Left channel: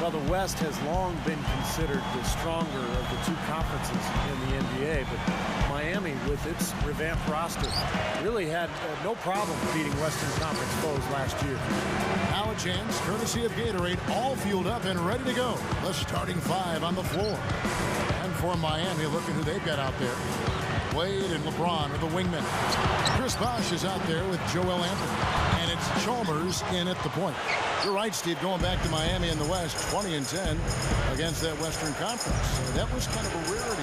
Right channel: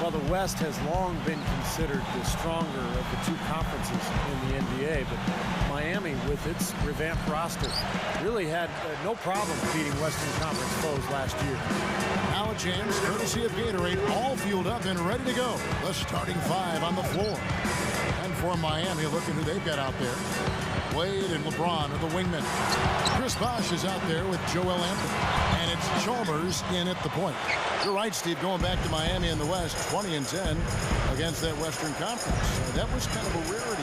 Well, the West has long been considered the stronger of the two conferences in the NBA, but Miami, with its revamped roster, really had no problem beating Western Conference foes last year. Now a chance, courtesy of Gatorade, all fueled up and ready to go. The starting five on the floor. And for Miami, look at who they've got out there. Wade and LeBron are the wingmen. Chris Bosh is out there with Joel Anthony. And it's Chalmers in at the point. You're right, Steve, going back to Miami in the West, 20-10 against that Western Conference. That was kind of a rarity.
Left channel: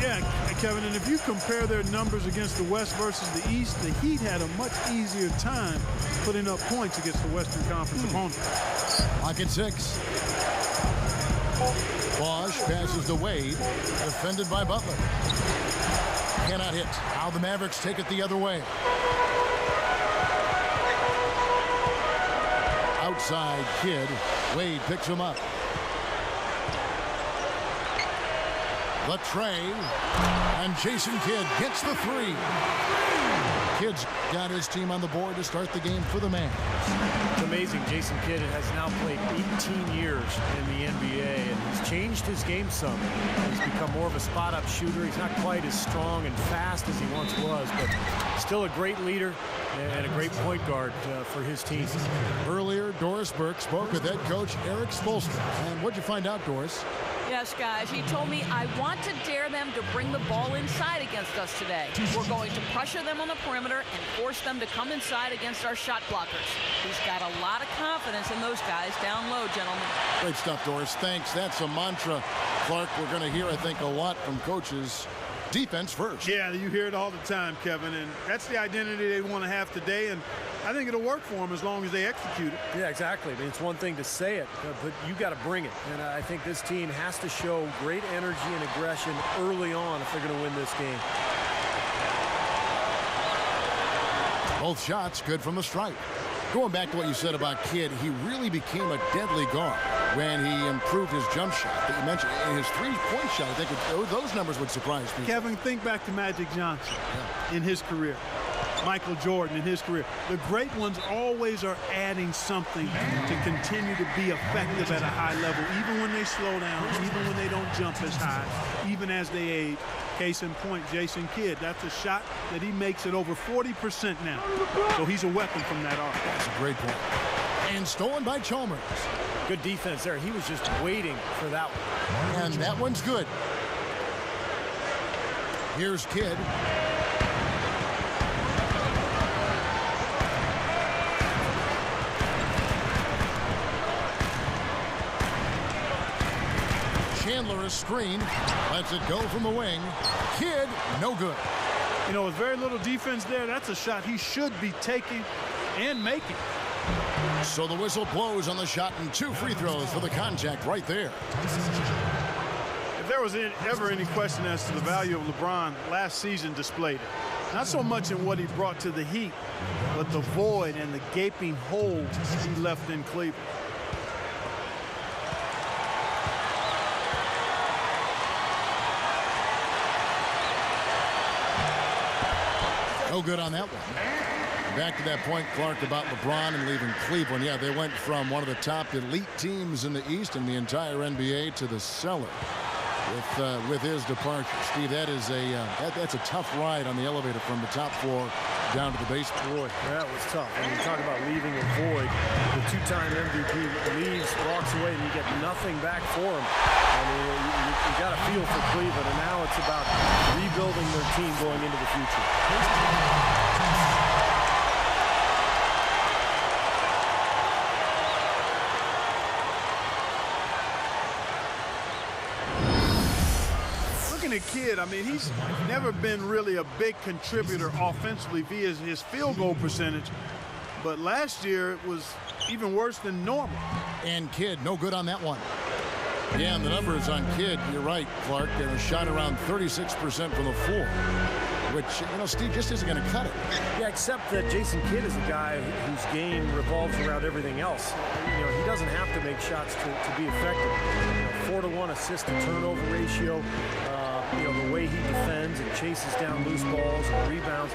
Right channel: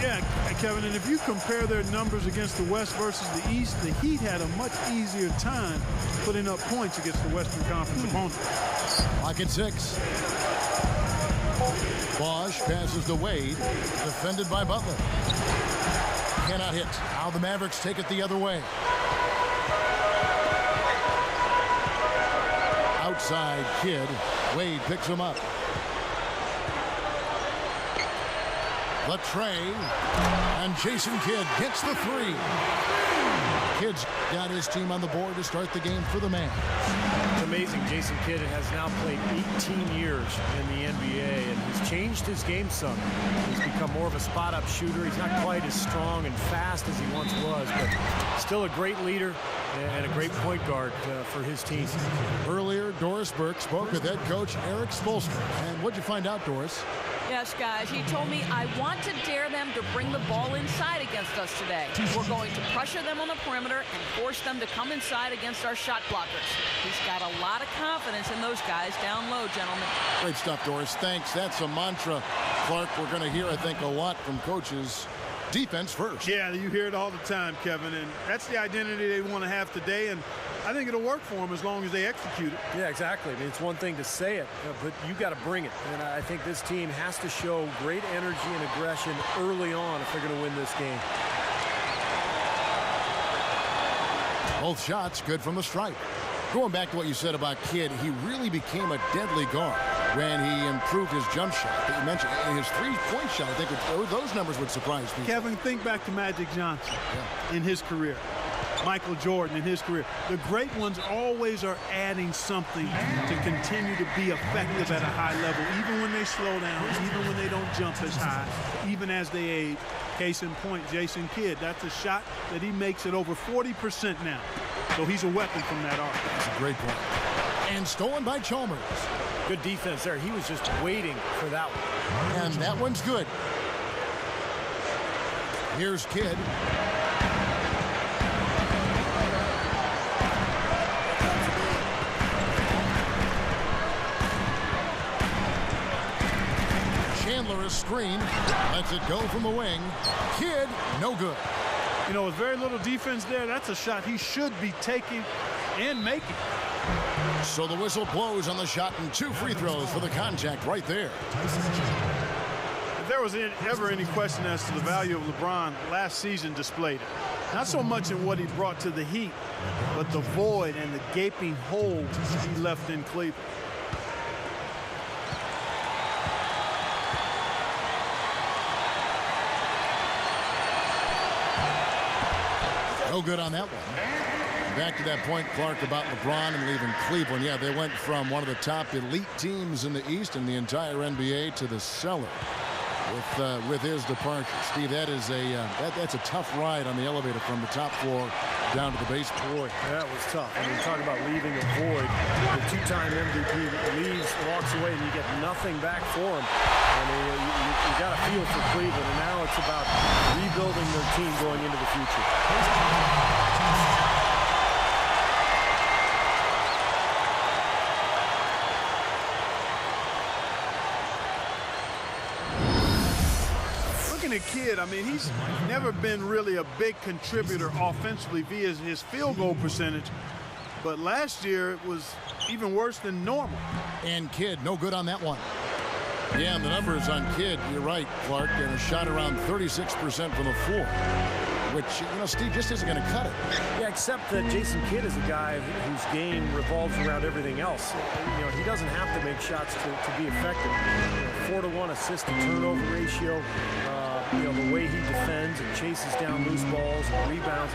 Yeah, Kevin, and if you compare their numbers against the West versus the East, the Heat had a much easier time putting up points against the Western Conference opponents. Lock at 6. Bosh passes to Wade, defended by Butler. Cannot hit. Now the Mavericks take it the other way. Outside Kidd. Wade picks him up. The tray. And Jason Kidd gets the 3. Kidd's got his team on the board to start the game for the Mavs. It's amazing. Jason Kidd has now played 18 years in the NBA, and he's changed his game some. He's become more of a spot-up shooter. He's not quite as strong and fast as he once was, but still a great leader and a great point guard for his team. Earlier, Doris Burke spoke with head coach Eric Spoelstra. And what'd you find out, Doris? Yes, guys, he told me I want to dare them to bring the ball inside against us today. We're going to pressure them on the perimeter and force them to come inside against our shot blockers. He's got a lot of confidence in those guys down low, gentlemen. Great stuff, Doris. Thanks. That's a mantra, Clark, we're going to hear, I think, a lot from coaches. Defense first. Yeah, you hear it all the time, Kevin, and that's the identity they want to have today, and I think it'll work for them as long as they execute it. Yeah, exactly. I mean, it's one thing to say it, but you got to bring it. And I think this team has to show great energy and aggression early on if they're going to win this game. Both shots good from the stripe. Going back to what you said about Kidd, he really became a deadly guard when he improved his jump shot that you mentioned. In his three-point shot, I think those numbers would surprise people. Kevin, think back to Magic Johnson in his career. Michael Jordan in his career. The great ones always are adding something to continue to be effective at a high level, even when they slow down, even when they don't jump as high, even as they age. Case in point, Jason Kidd. That's a shot that he makes at over 40% now. So he's a weapon from that arc. That's a great point. And stolen by Chalmers. Good defense there. He was just waiting for that one. And that one's good. Here's Kidd. Chandler is screened. Lets it go from the wing. Kidd, no good. You know, with very little defense there, that's a shot he should be taking and making. So the whistle blows on the shot and 2 free throws for the contact right there. If there was ever any question as to the value of LeBron, last season displayed it. Not so much in what he brought to the Heat, but the void and the gaping hole he left in Cleveland. No good on that one. Back to that point, Clark, about LeBron and leaving Cleveland. Yeah, they went from one of the top elite teams in the East and the entire NBA to the cellar with his departure. Steve, that is that's a tough ride on the elevator from the top floor down to the basement. Boy, that was tough. I mean, you talk about leaving a void. The two-time MVP leaves, walks away, and you get nothing back for him. I mean, you got a feel for Cleveland, and now it's about rebuilding their team going into the future. Looking at Kidd, I mean, he's never been really a big contributor offensively via his field goal percentage, but last year it was even worse than normal. And Kidd, no good on that one. Yeah, and the numbers on Kidd, you're right, Clark, and a shot around 36% from the floor, which, you know, Steve, just isn't going to cut it. Yeah, except that Jason Kidd is a guy whose game revolves around everything else. You know, he doesn't have to make shots to be effective. You know, 4-to-1 assist-to-turnover ratio, you know, the way he defends and chases down loose balls and rebounds.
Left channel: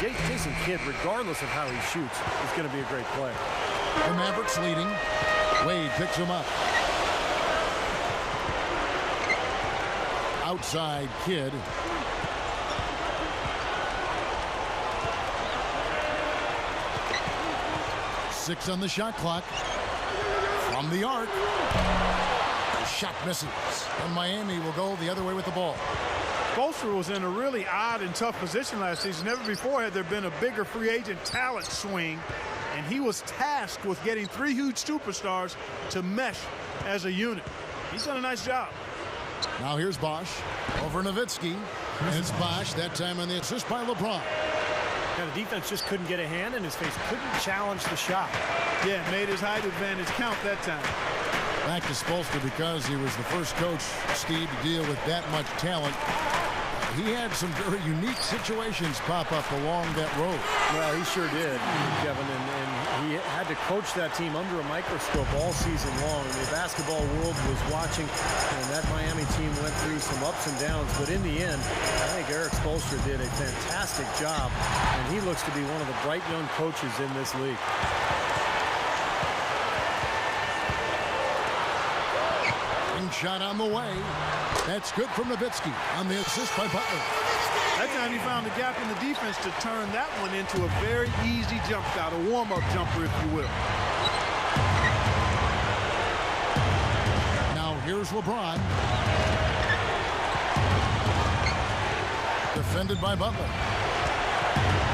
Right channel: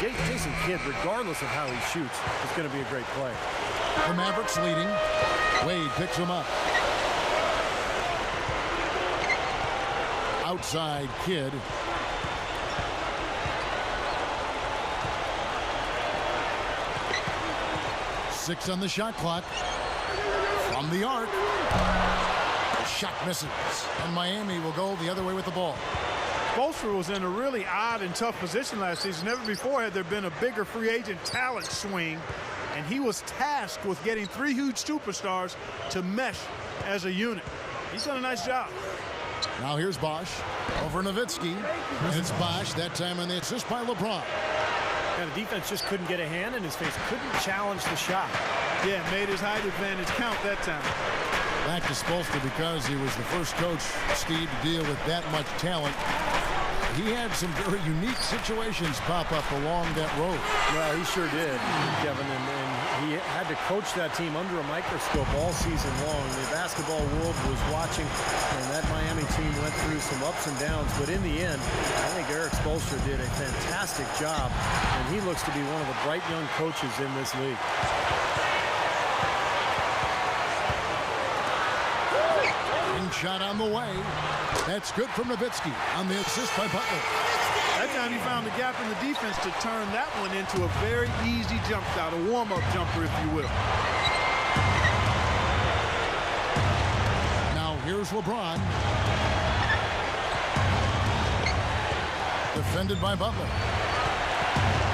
Jason Kidd, regardless of how he shoots, is going to be a great player. The Mavericks leading. Wade picks him up. outside Kidd. Six on the shot clock. From the arc. The shot misses. And Miami will go the other way with the ball. Spoelstra was in a really odd and tough position last season. Never before had there been a bigger free agent talent swing. And he was tasked with getting three huge superstars to mesh as a unit. He's done a nice job. Now here's Bosch over Nowitzki. And it's Bosch, that time on the assist by LeBron. Now the defense just couldn't get a hand in his face, couldn't challenge the shot. Yeah, made his height advantage count that time. Back to Spoelstra because he was the first coach, Steve, to deal with that much talent. He had some very unique situations pop up along that road. Well, he sure did, Kevin, and he had to coach that team under a microscope all season long. The basketball world was watching, and that Miami team went through some ups and downs, but in the end, I think Eric Spoelstra did a fantastic job, and he looks to be one of the bright young coaches in this league. Shot on the way. That's good from Nowitzki on the assist by Butler. That time he found the gap in the defense to turn that one into a very easy jump shot, a warm-up jumper, if you will. Now here's LeBron. Defended by Butler.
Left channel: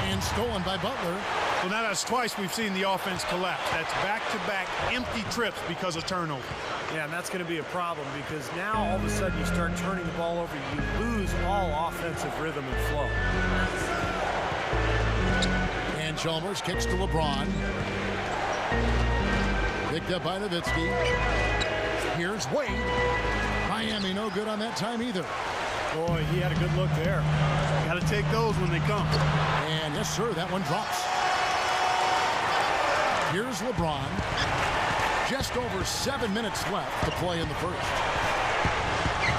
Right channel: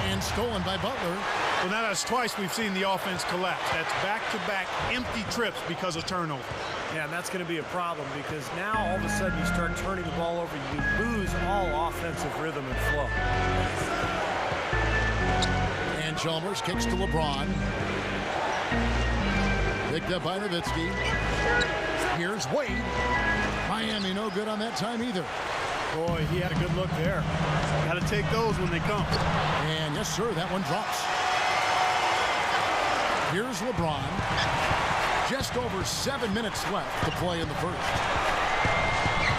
And stolen by Butler. So now that's twice we've seen the offense collapse. That's back-to-back empty trips because of turnover. Yeah, and that's going to be a problem because now all of a sudden you start turning the ball over, you lose all offensive rhythm and flow. And Chalmers kicks to LeBron. Picked up by Nowitzki. Here's Wade. Miami no good on that time either. Boy, he had a good look there. Got to take those when they come. And yes, sir, that one drops. Here's LeBron. Just over 7 minutes left to play in the first.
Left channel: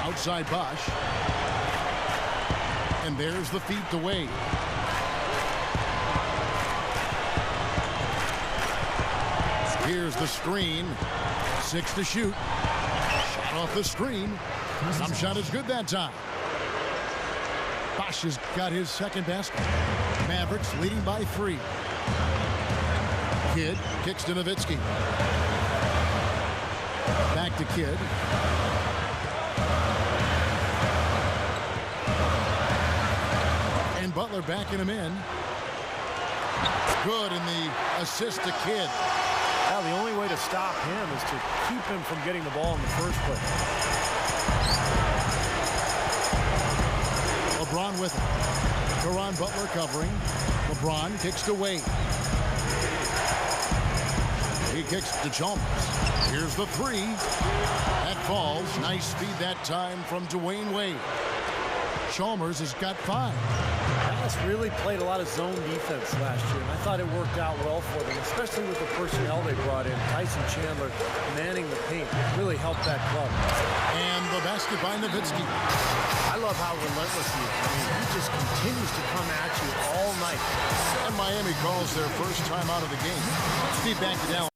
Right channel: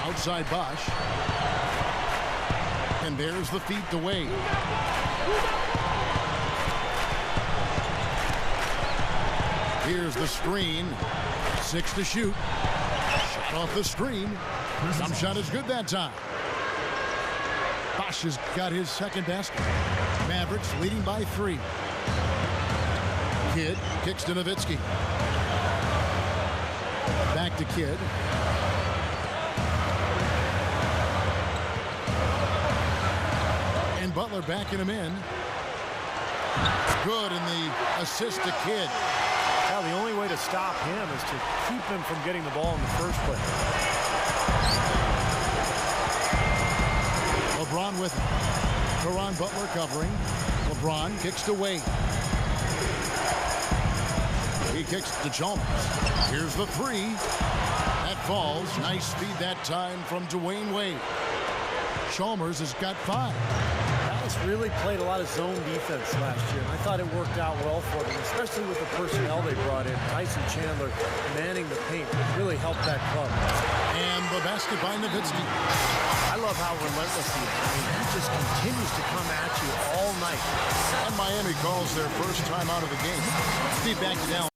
Outside Bosch. And there's the feed to Wade. Here's the screen. 6 to shoot. Shot off the screen. Some shot is good that time. Bosch has got his second basket. Mavericks leading by 3. Kidd kicks to Nowitzki. Back to Kidd. And Butler backing him in. Good in the assist to Kidd. Well, the only way to stop him is to keep him from getting the ball in the first place. LeBron with it. Caron Butler covering. LeBron kicks to Wade. He kicks to Chalmers. Here's the 3. That falls. Nice speed that time from Dwayne Wade. Chalmers has got 5. Dallas really played a lot of zone defense last year, and I thought it worked out well for them, especially with the personnel they brought in. Tyson Chandler manning the paint really helped that club. And the basket by Nowitzki. I love how relentless he is. I mean, he just continues to come at you all night. And Miami calls their first time out of the game. Steve, back to Dallas.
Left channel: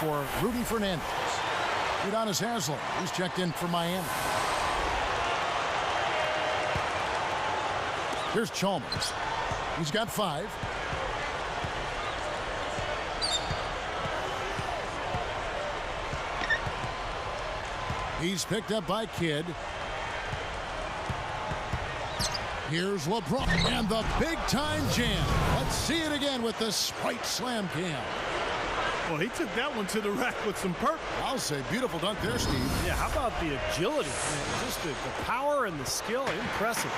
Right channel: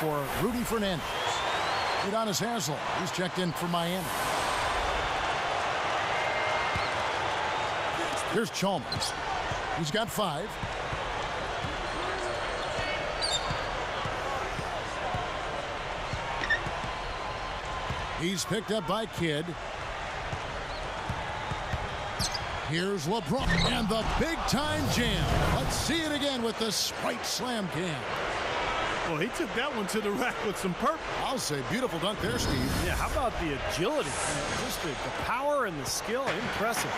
For Rudy Fernandez. Udonis Haslem, he's checked in for Miami. Here's Chalmers. He's got 5. He's picked up by Kidd. Here's LeBron and the big-time jam. Let's see it again with the Sprite Slam Cam. Well, he took that one to the rack with some purpose. I'll say beautiful dunk there, Steve. Yeah, how about the agility? Man, just the power and the skill, impressive.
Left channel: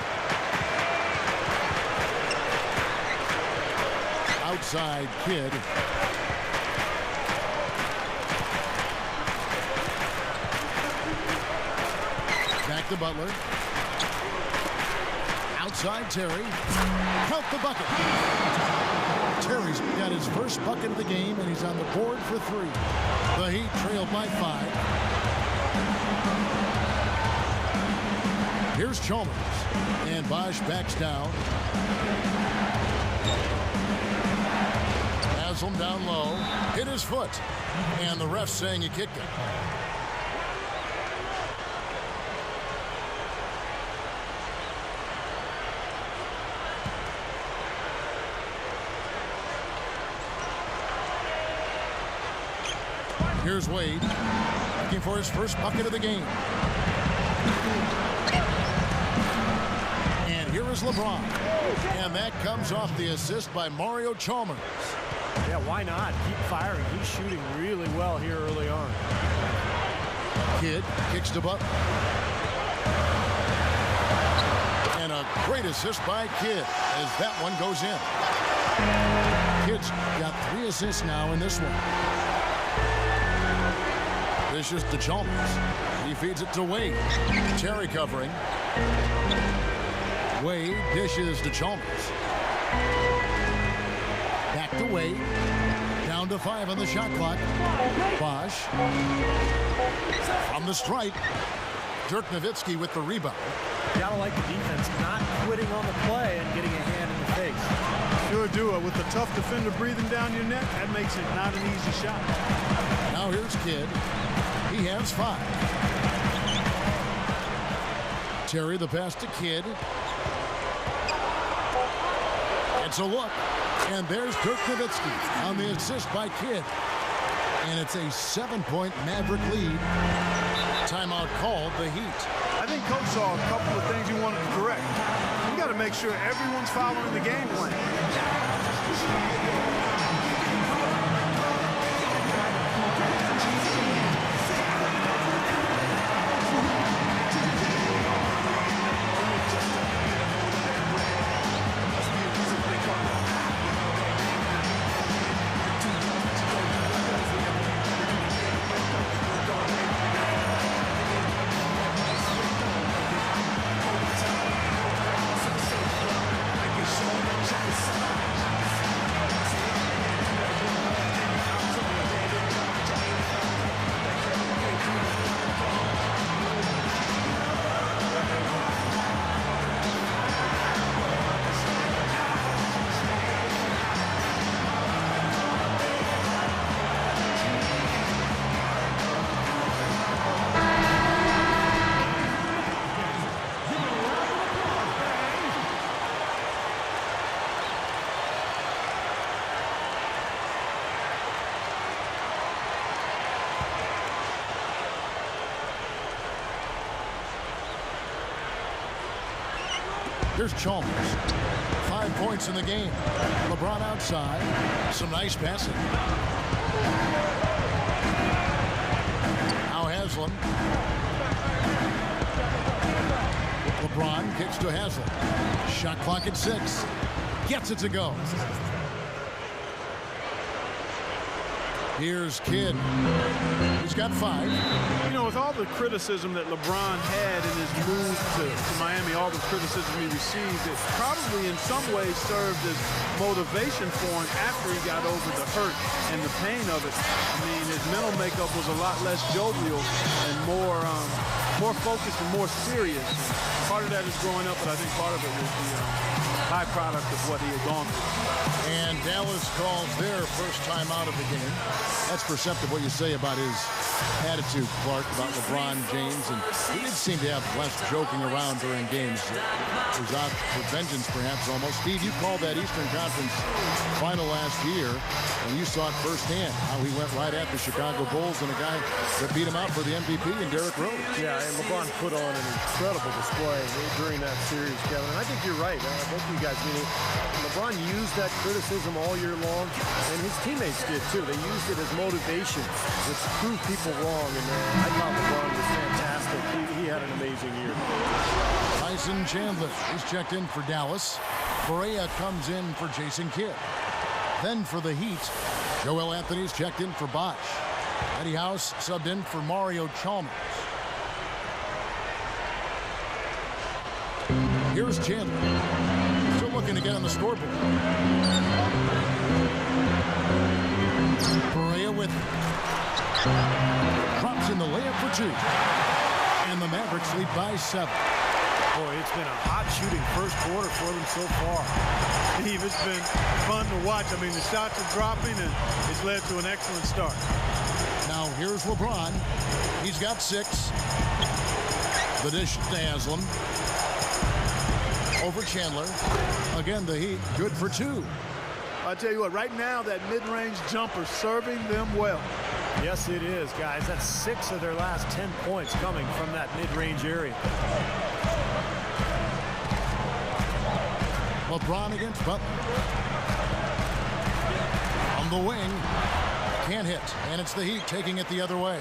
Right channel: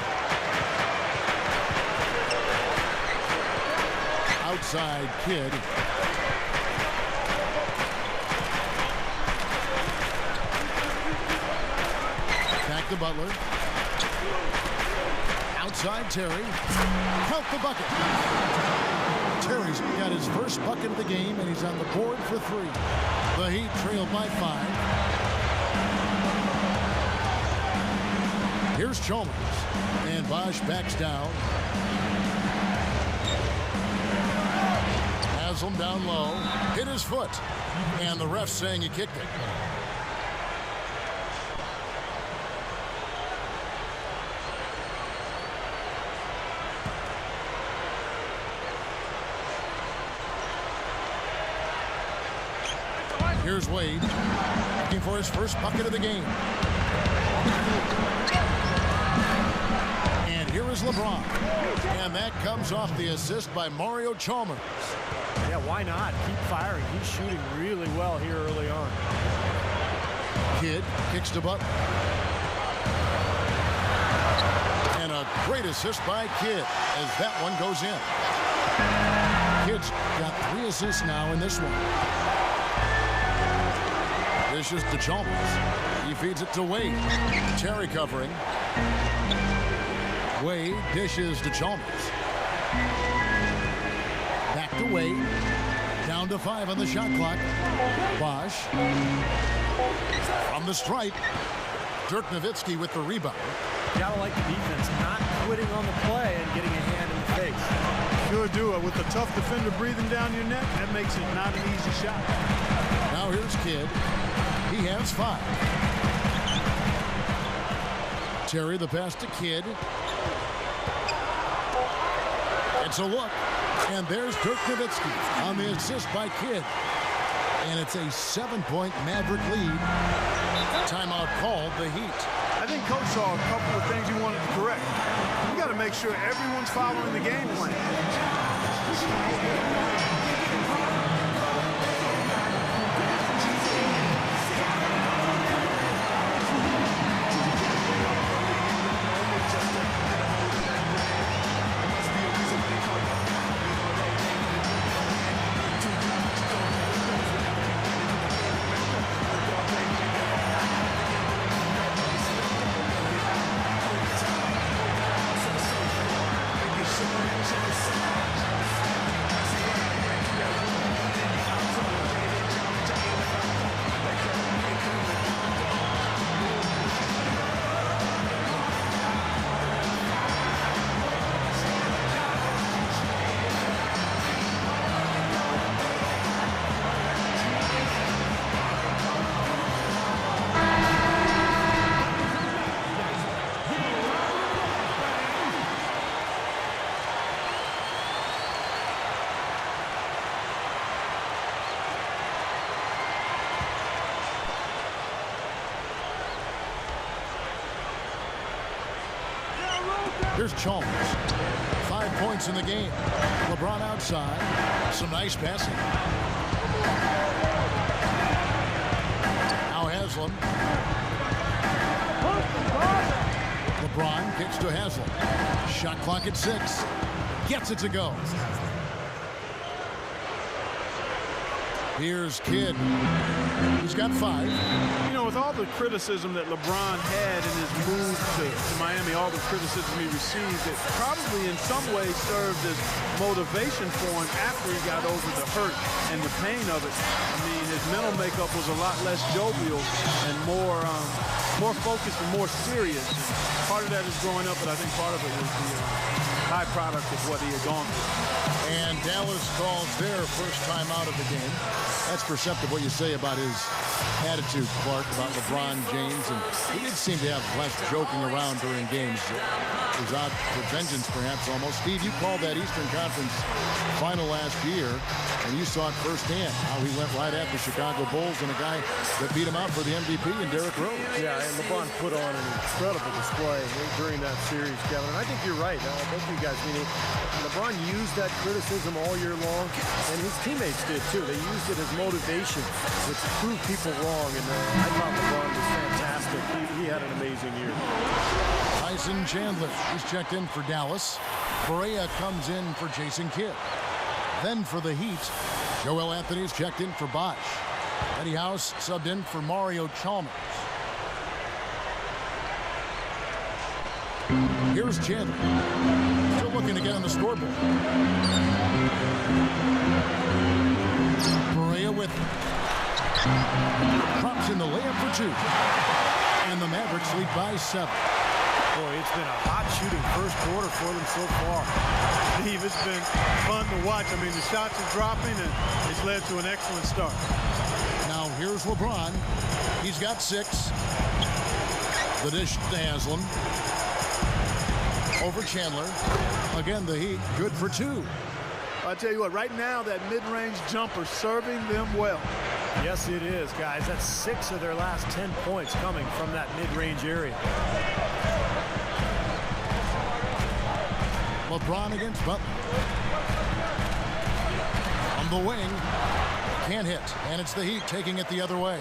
Outside Kidd. Back to Butler. Outside Terry. Count the bucket. Terry's got his first bucket of the game, and he's on the board for 3. The Heat trailed by 5. Here's Chalmers. And Bosch backs down. Haslam down low. Hit his foot. And the ref saying he kicked it. Here's Wade, looking for his first bucket of the game. And here is LeBron. And that comes off the assist by Mario Chalmers. Yeah, why not? Keep firing. He's shooting really well here early on. Kidd kicks to Butler. And a great assist by Kidd as that one goes in. Kidd's got 3 assists now in this one. Dishes to Chalmers. He feeds it to Wade. Terry covering. Wade dishes to Chalmers. Back to Wade. Down to 5 on the shot clock. Bosch. From the stripe. Dirk Nowitzki with the rebound. Gotta like the defense not quitting on the play and getting a hand in the face. Sure do it. With a tough defender breathing down your neck, that makes it not an easy shot. Now here's Kidd. He has 5. Terry the pass to Kidd. It's a look. And there's Dirk Nowitzki on the assist by Kidd. And it's a 7-point Maverick lead. Timeout called the Heat. I think Coach saw a couple of things he wanted to correct. You got to make sure everyone's following the game plan. Here's Chalmers. 5 points in the game. LeBron outside. Some nice passing. Now Haslam. LeBron kicks to Haslam. Shot clock at 6. Gets it to go. Here's Kidd. He's got 5. You know, with all the criticism that LeBron had in his move to Miami, all the criticism he received, it probably in some ways served as motivation for him after he got over the hurt and the pain of it. I mean, his mental makeup was a lot less jovial and more focused and more serious. And part of that is growing up, but I think part of it was the byproduct of what he had gone through. And Dallas calls their first time out of the game. That's perceptive what you say about his attitude, Clark, about LeBron James, and he did seem to have less joking around during games. He was out for vengeance, perhaps, almost. Steve, you called that Eastern Conference final last year, and you saw it firsthand, how he went right at the Chicago Bulls and a guy that beat him out for the MVP in Derrick Rose. Yeah, and LeBron put on an incredible display during that series, Kevin. And I think you're right, both of you guys. I mean, LeBron used that criticism all year long, and his teammates did too. They used it as motivation to prove people wrong, and I thought LeBron was fantastic. He had an amazing year. Tyson Chandler, he's checked in for Dallas. Correa comes in for Jason Kidd. Then for the Heat, Joel Anthony's checked in for Bosch. Eddie House subbed in for Mario Chalmers. Here's Chandler. Still looking to get on the scoreboard. Correa with drops in the layup for 2. And the Mavericks lead by 7. Boy, it's been a hot shooting first quarter for them so far. Steve, it's been fun to watch. I mean, the shots are dropping, and it's led to an excellent start. Now here's LeBron. He's got 6. The dish to Haslam. Over Chandler. Again, the Heat good for 2. I tell you what, right now that mid-range jumper serving them well. Yes, it is, guys. That's 6 of their last 10 points coming from that mid-range area. LeBron against Butler. On the wing. Can't hit. And it's the Heat taking it the other way.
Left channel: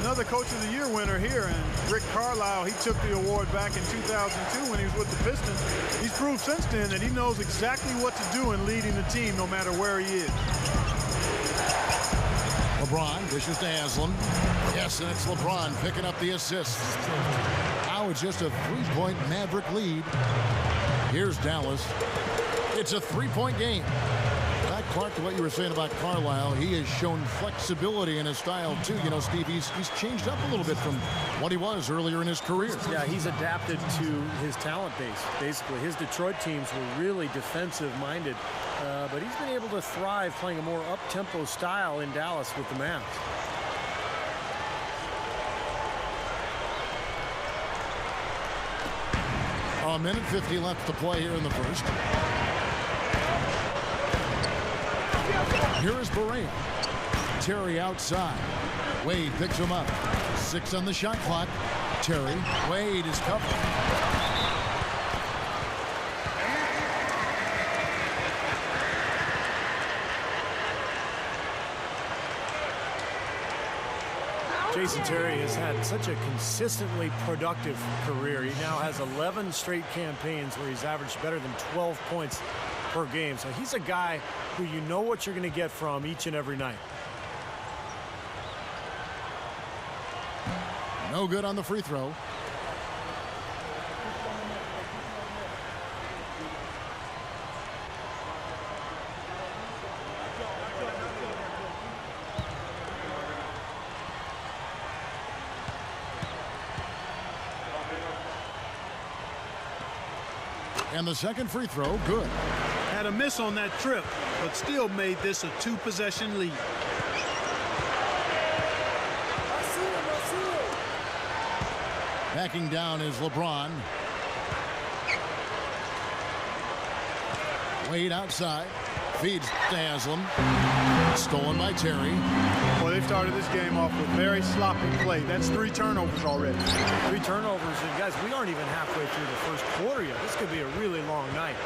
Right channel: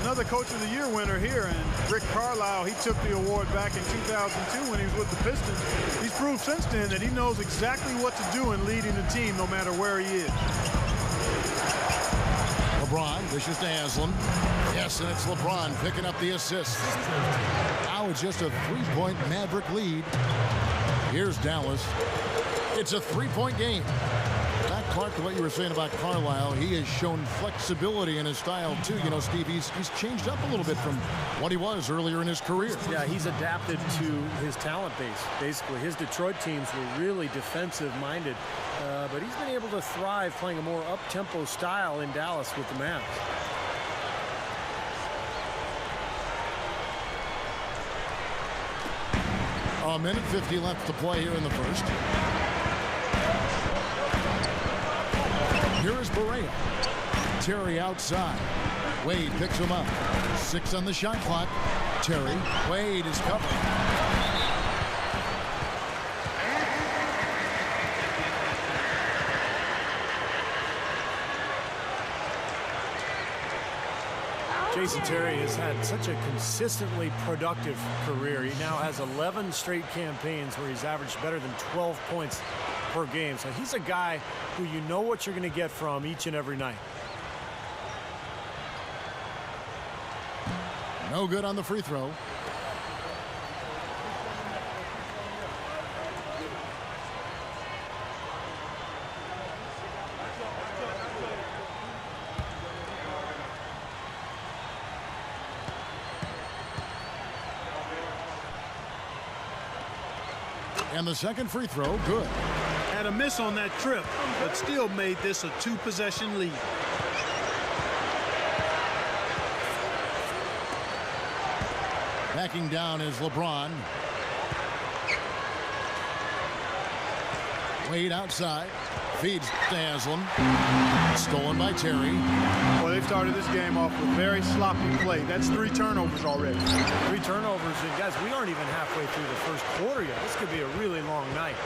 Another Coach of the Year winner here, and Rick Carlisle, he took the award back in 2002 when he was with the Pistons. He's proved since then that he knows exactly what to do in leading the team no matter where he is. LeBron dishes to Haslam. Yes, and it's LeBron picking up the assist. Now it's just a 3-point Maverick lead. Here's Dallas. It's a 3-point game. Back, Clark, to what you were saying about Carlisle, he has shown flexibility in his style, too. You know, Steve, he's changed up a little bit from what he was earlier in his career. Yeah, he's adapted to his talent base, basically. His Detroit teams were really defensive-minded, but he's been able to thrive playing a more up-tempo style in Dallas with the Mavs. A minute 50 left to play here in the first. Here is Barea. Terry outside. Wade picks him up. 6 on the shot clock. Terry. Wade is covered. Jason Terry has had such a consistently productive career. He now has 11 straight campaigns where he's averaged better than 12 points per game. So he's a guy who you know what you're going to get from each and every night. No good on the free throw. And the second free throw, good. Had a miss on that trip, but still made this a 2-possession lead. Backing down is LeBron. Wade outside. Feeds to Haslam. Stolen by Terry. Well, they've started this game off with very sloppy play. That's 3 turnovers already. 3 turnovers, and guys, we aren't even halfway through the first quarter yet. This could be a really long night.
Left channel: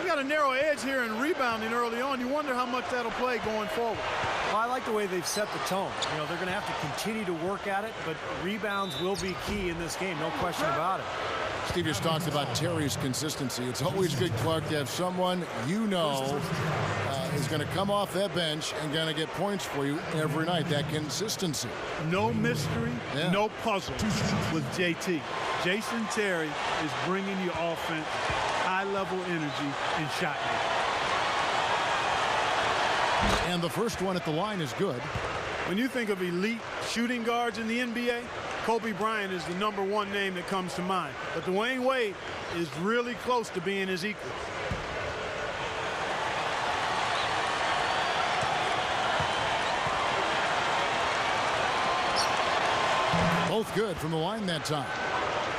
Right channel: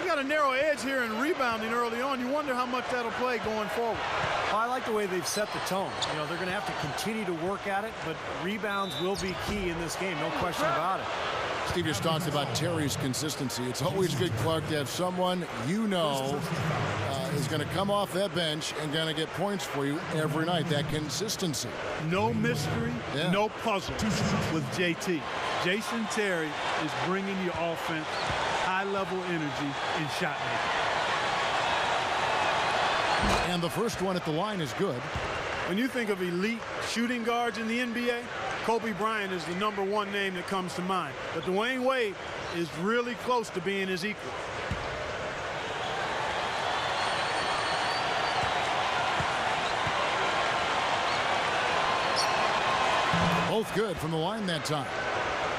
We got a narrow edge here in rebounding early on. You wonder how much that'll play going forward. Well, I like the way they've set the tone. You know, they're going to have to continue to work at it, but rebounds will be key in this game, no question about it. Steve just talked about Terry's consistency. It's always good, Clark, to have someone you know is going to come off that bench and going to get points for you every night. That consistency. No mystery, no puzzle with JT. Jason Terry is bringing you offense, high-level energy, and shot making. And the first one at the line is good. When you think of elite shooting guards in the NBA, Kobe Bryant is the #1 name that comes to mind. But Dwayne Wade is really close to being his equal. Both good from the line that time.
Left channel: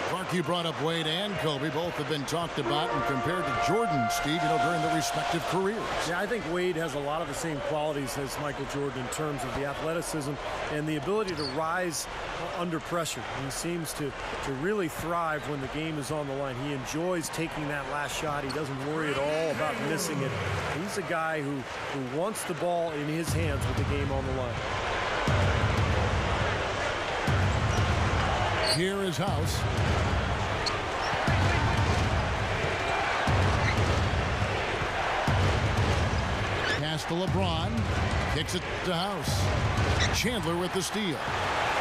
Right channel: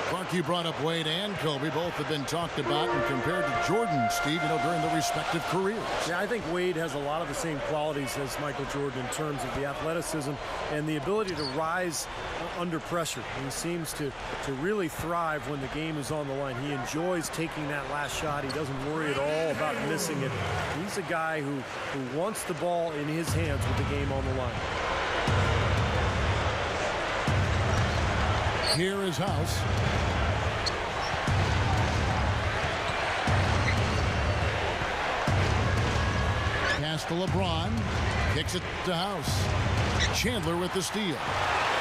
Clark, you brought up Wade and Kobe. Both have been talked about and compared to Jordan, Steve, during their respective careers. Yeah, I think Wade has a lot of the same qualities as Michael Jordan in terms of the athleticism and the ability to rise under pressure. He seems to really thrive when the game is on the line. He enjoys taking that last shot. He doesn't worry at all about missing it. He's a guy who wants the ball in his hands with the game on the line. Here is House. Pass to LeBron. Kicks it to House. Chandler with the steal.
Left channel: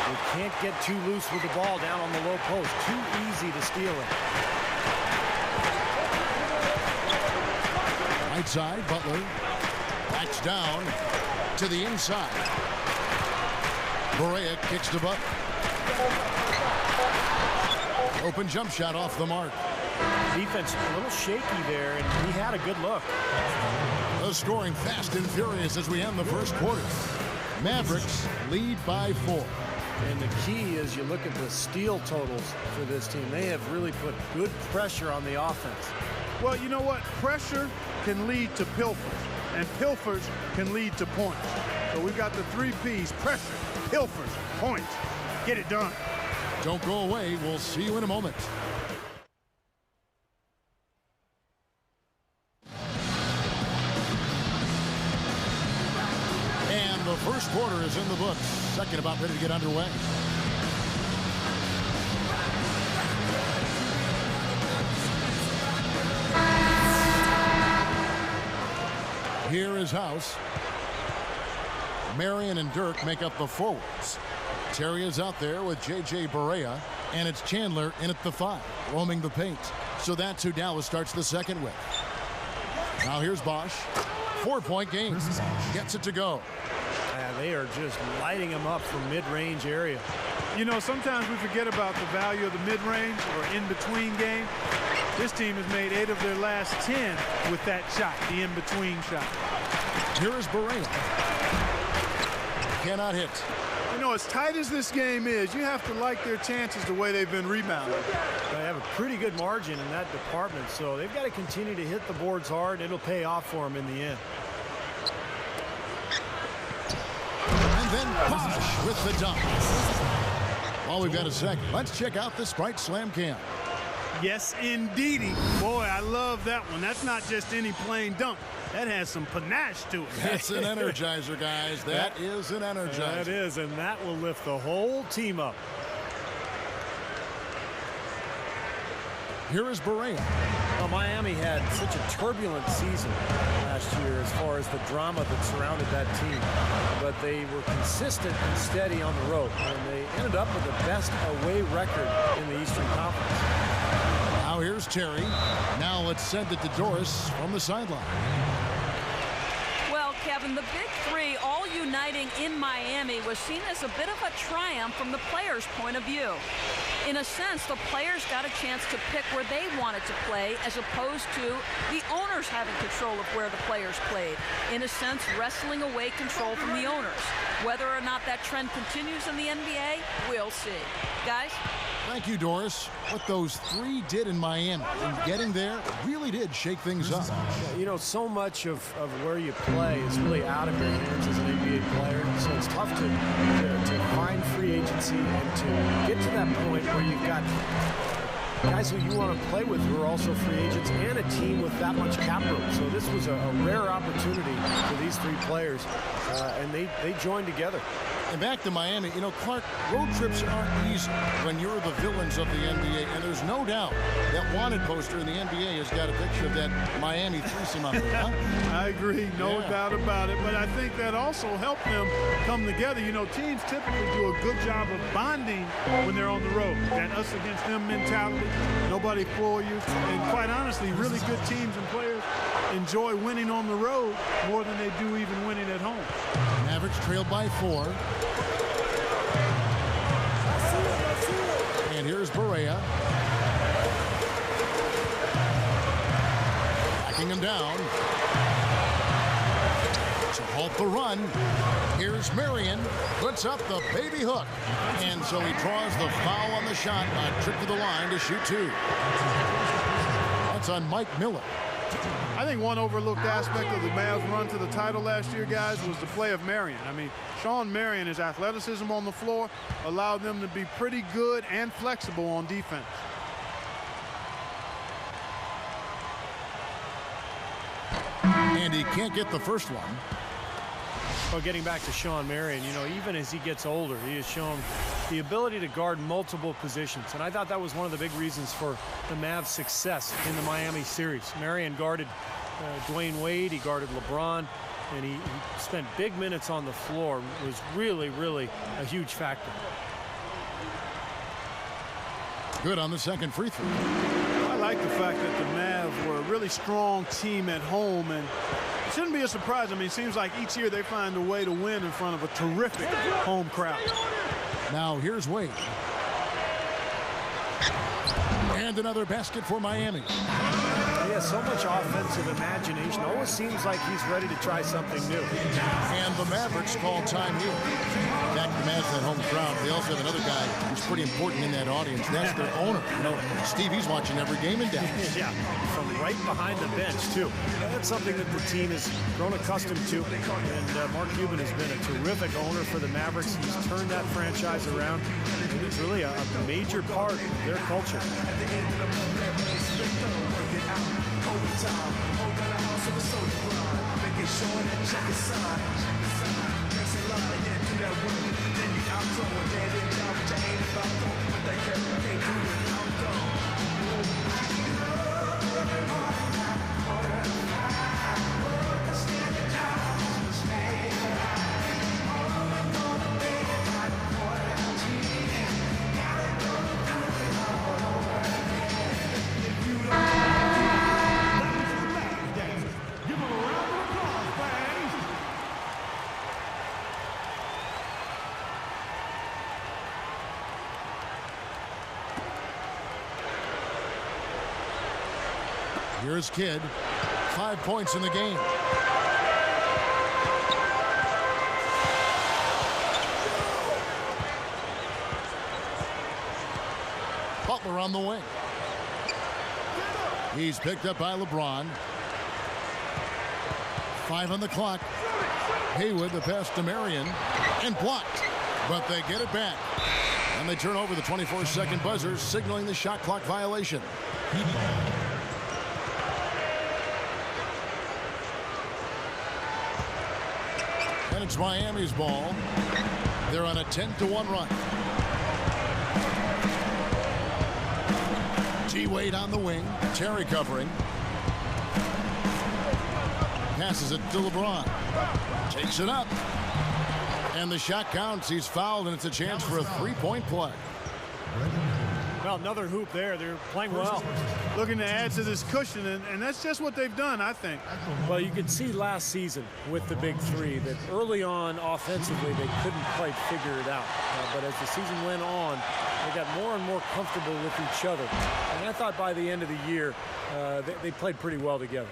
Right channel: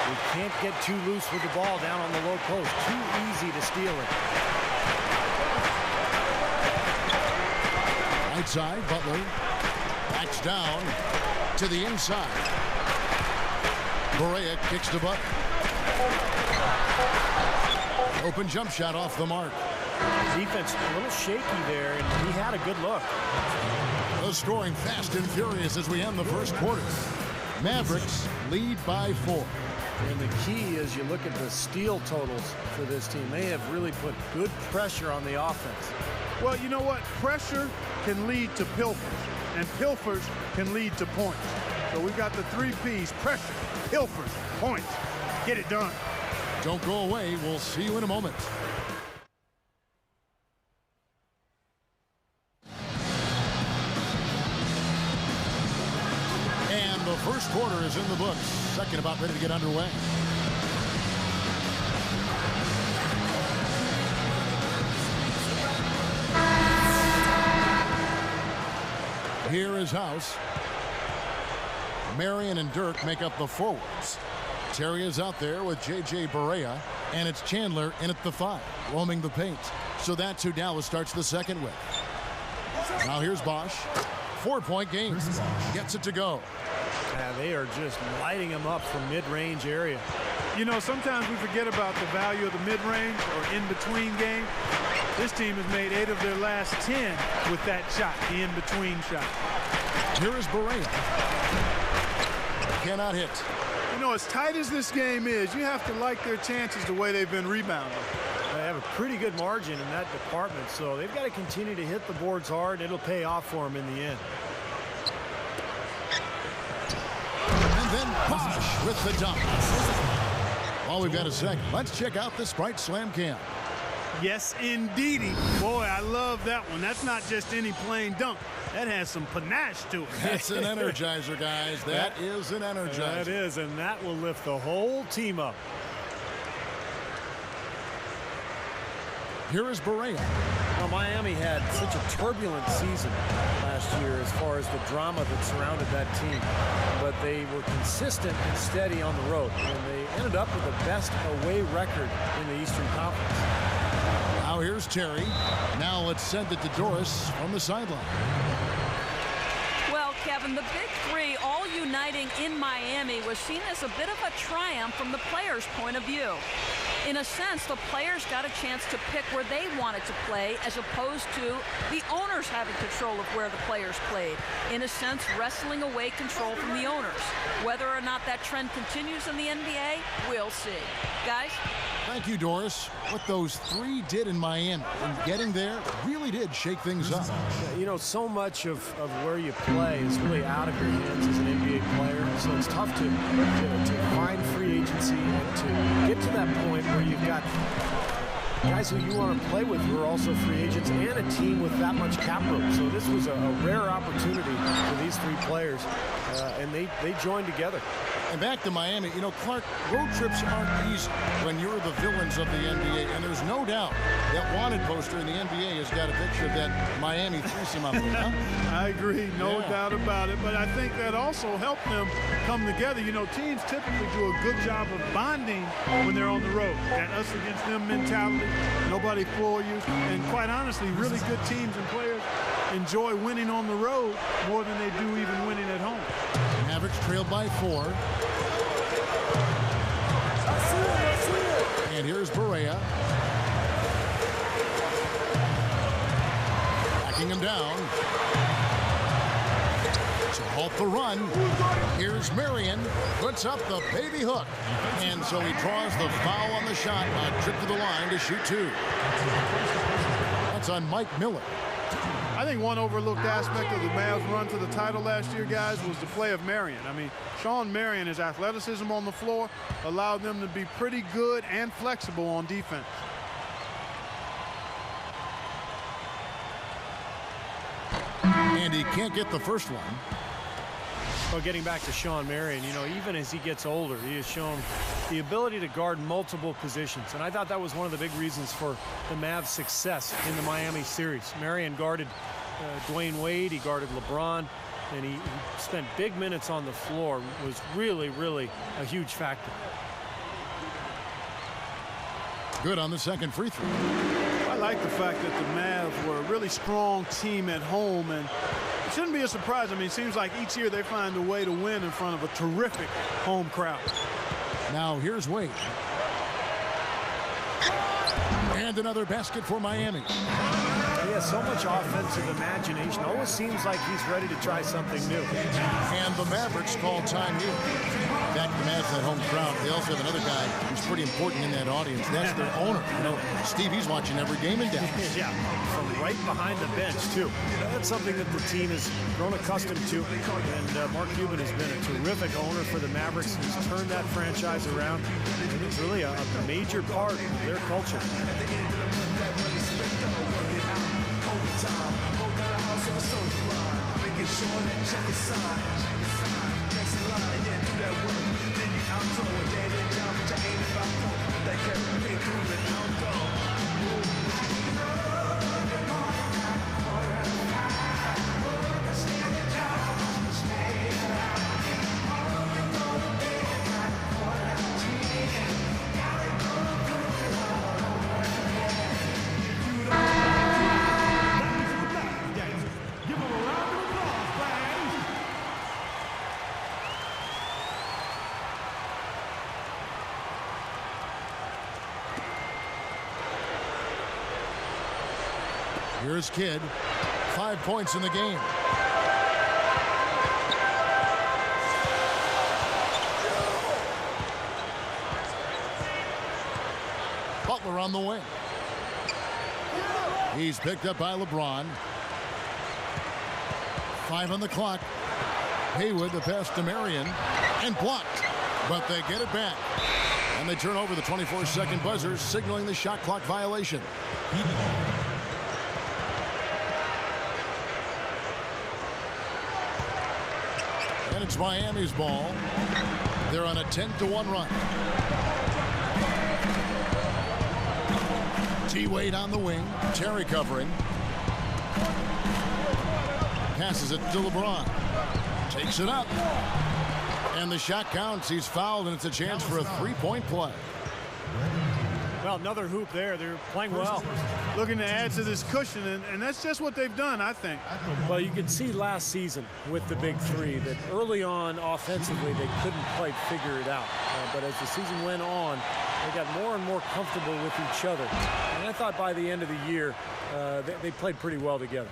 You can't get too loose with the ball down on the low post. Too easy to steal it. Right side, Butler. Backs down to the inside. Barea kicks to Butler. Open jump shot off the mark. Defense a little shaky there, and he had a good look. The scoring fast and furious as we end the first quarter. Mavericks lead by 4. And the key is you look at the steal totals for this team. They have really put good pressure on the offense. Well, you know what? Pressure can lead to pilfers, and pilfers can lead to points. So we've got the 3 Ps: pressure, pilfers, points. Get it done. Don't go away. We'll see you in a moment. And the first quarter is in the books. Second about ready to get underway. Here is House. Marion and Dirk make up the forwards. Terry is out there with J.J. Barea, and it's Chandler in at the 5, roaming the paint. So that's who Dallas starts the second with. Now here's Bosch. 4-point game. Gets it to go. They are just lighting him up from mid-range area. Sometimes we forget about the value of the mid-range or in-between game. This team has made 8 of their last 10 with that shot, the in-between shot. Here is Barea. Cannot hit. As tight as this game is, you have to like their chances the way they've been rebounding. They have a pretty good margin in that department, so they've got to continue to hit the boards hard, and it'll pay off for them in the end. And then Bosch with the dunk. While we've got a second, let's check out the Sprite Slam Cam. Yes, indeedy. Boy, I love that one. That's not just any plain dunk. That has some panache to it. That's an energizer, guys. That is an energizer. That is, and that will lift the whole team up. Here is Barea. Well, Miami had such a turbulent season last year as far as the drama that surrounded that team. But they were consistent and steady on the road, and they ended up with the best away record in the Eastern Conference. Now here's Terry. Now let's send it to Doris from the sideline. Well, Kevin, the Big Three all uniting in Miami was seen as a bit of a triumph from the players' point of view. In a sense, the players got a chance to pick where they wanted to play as opposed to the owners having control of where the players played. In a sense, wrestling away control from the owners. Whether or not that trend continues in the NBA, we'll see. Guys? Thank you, Doris. What those 3 did in Miami and getting there really did shake things up. Yeah, so much of where you play is really out of your hands as an NBA player. So it's tough to find free agency and to get to that point where you've got guys who you want to play with who are also free agents and a team with that much cap room. So this was a rare opportunity for these 3 players, and they joined together. And back to Miami, Clark, road trips aren't easy when you're the villains of the NBA. And there's no doubt that wanted poster in the NBA has got a picture of that Miami threesome up there. Huh? I agree, no doubt about it. But I think that also helped them come together. Teams typically do a good job of bonding when they're on the road. That us against them mentality, nobody for you. And quite honestly, really good teams and players enjoy winning on the road more than they do even winning at home. Mavericks trailed by 4. And here's Barea. Backing him down. To halt the run, here's Marion, puts up the baby hook. And so he draws the foul on the shot, a trip to the line to shoot two. That's on Mike Miller. I think one overlooked aspect of the Mavs' run to the title last year, guys, was the play of Marion. I mean, Sean Marion, his athleticism on the floor allowed them to be pretty good and flexible on defense. And he can't get the first one. Well, getting back to Sean Marion, you know, even as he gets older, he has shown the ability to guard multiple positions. And I thought that was one of the big reasons for the Mavs' success in the Miami series. Marion guarded Dwayne Wade, he guarded LeBron, and he spent big minutes on the floor, was really, really a huge factor. Good on the second free throw. I like the fact that the Mavs were a really strong team at home, and it shouldn't be a surprise. I mean, it seems like each year they find a way to win in front of a terrific home crowd. Now here's Wade. And another basket for Miami. He has so much offensive imagination. Always seems like he's ready to try something new. And the Mavericks call time here. Back to the Mavs, that home crowd. They also have another guy who's pretty important in that audience. That's their owner. You know, Steve, he's watching every game in Dallas. Yeah, from right behind the bench, too. That's something that the team has grown accustomed to. And Mark Cuban has been a terrific owner for the Mavericks. He's turned that franchise around. And he's really a major part of their culture. Overtime, hold down the house of a soldier blind, making sure that check is signed. Next in line, yeah, do that work. Then you out throw a dead end down, but you ain't about to. But that character can't do it out though. Here's Kidd. 5 points in the game. Butler on the wing. He's picked up by LeBron. 5 on the clock. Haywood, the pass to Marion, and blocked. But they get it back. And they turn over the 24-second buzzer, signaling the shot clock violation. Heat ball. And it's Miami's ball. They're on a 10-1 run. T-Wade on the wing. Terry covering. Passes it to LeBron. Takes it up. And the shot counts. He's fouled, and it's a chance for a three-point play. Well, another hoop there. They're playing well. Looking to add to this cushion, and that's just what they've done, I think. Well, you could see last season with the big three that early on offensively they couldn't quite figure it out. But as the season went on, they got more and more comfortable with each other. And I thought by the end of the year, they played pretty well together.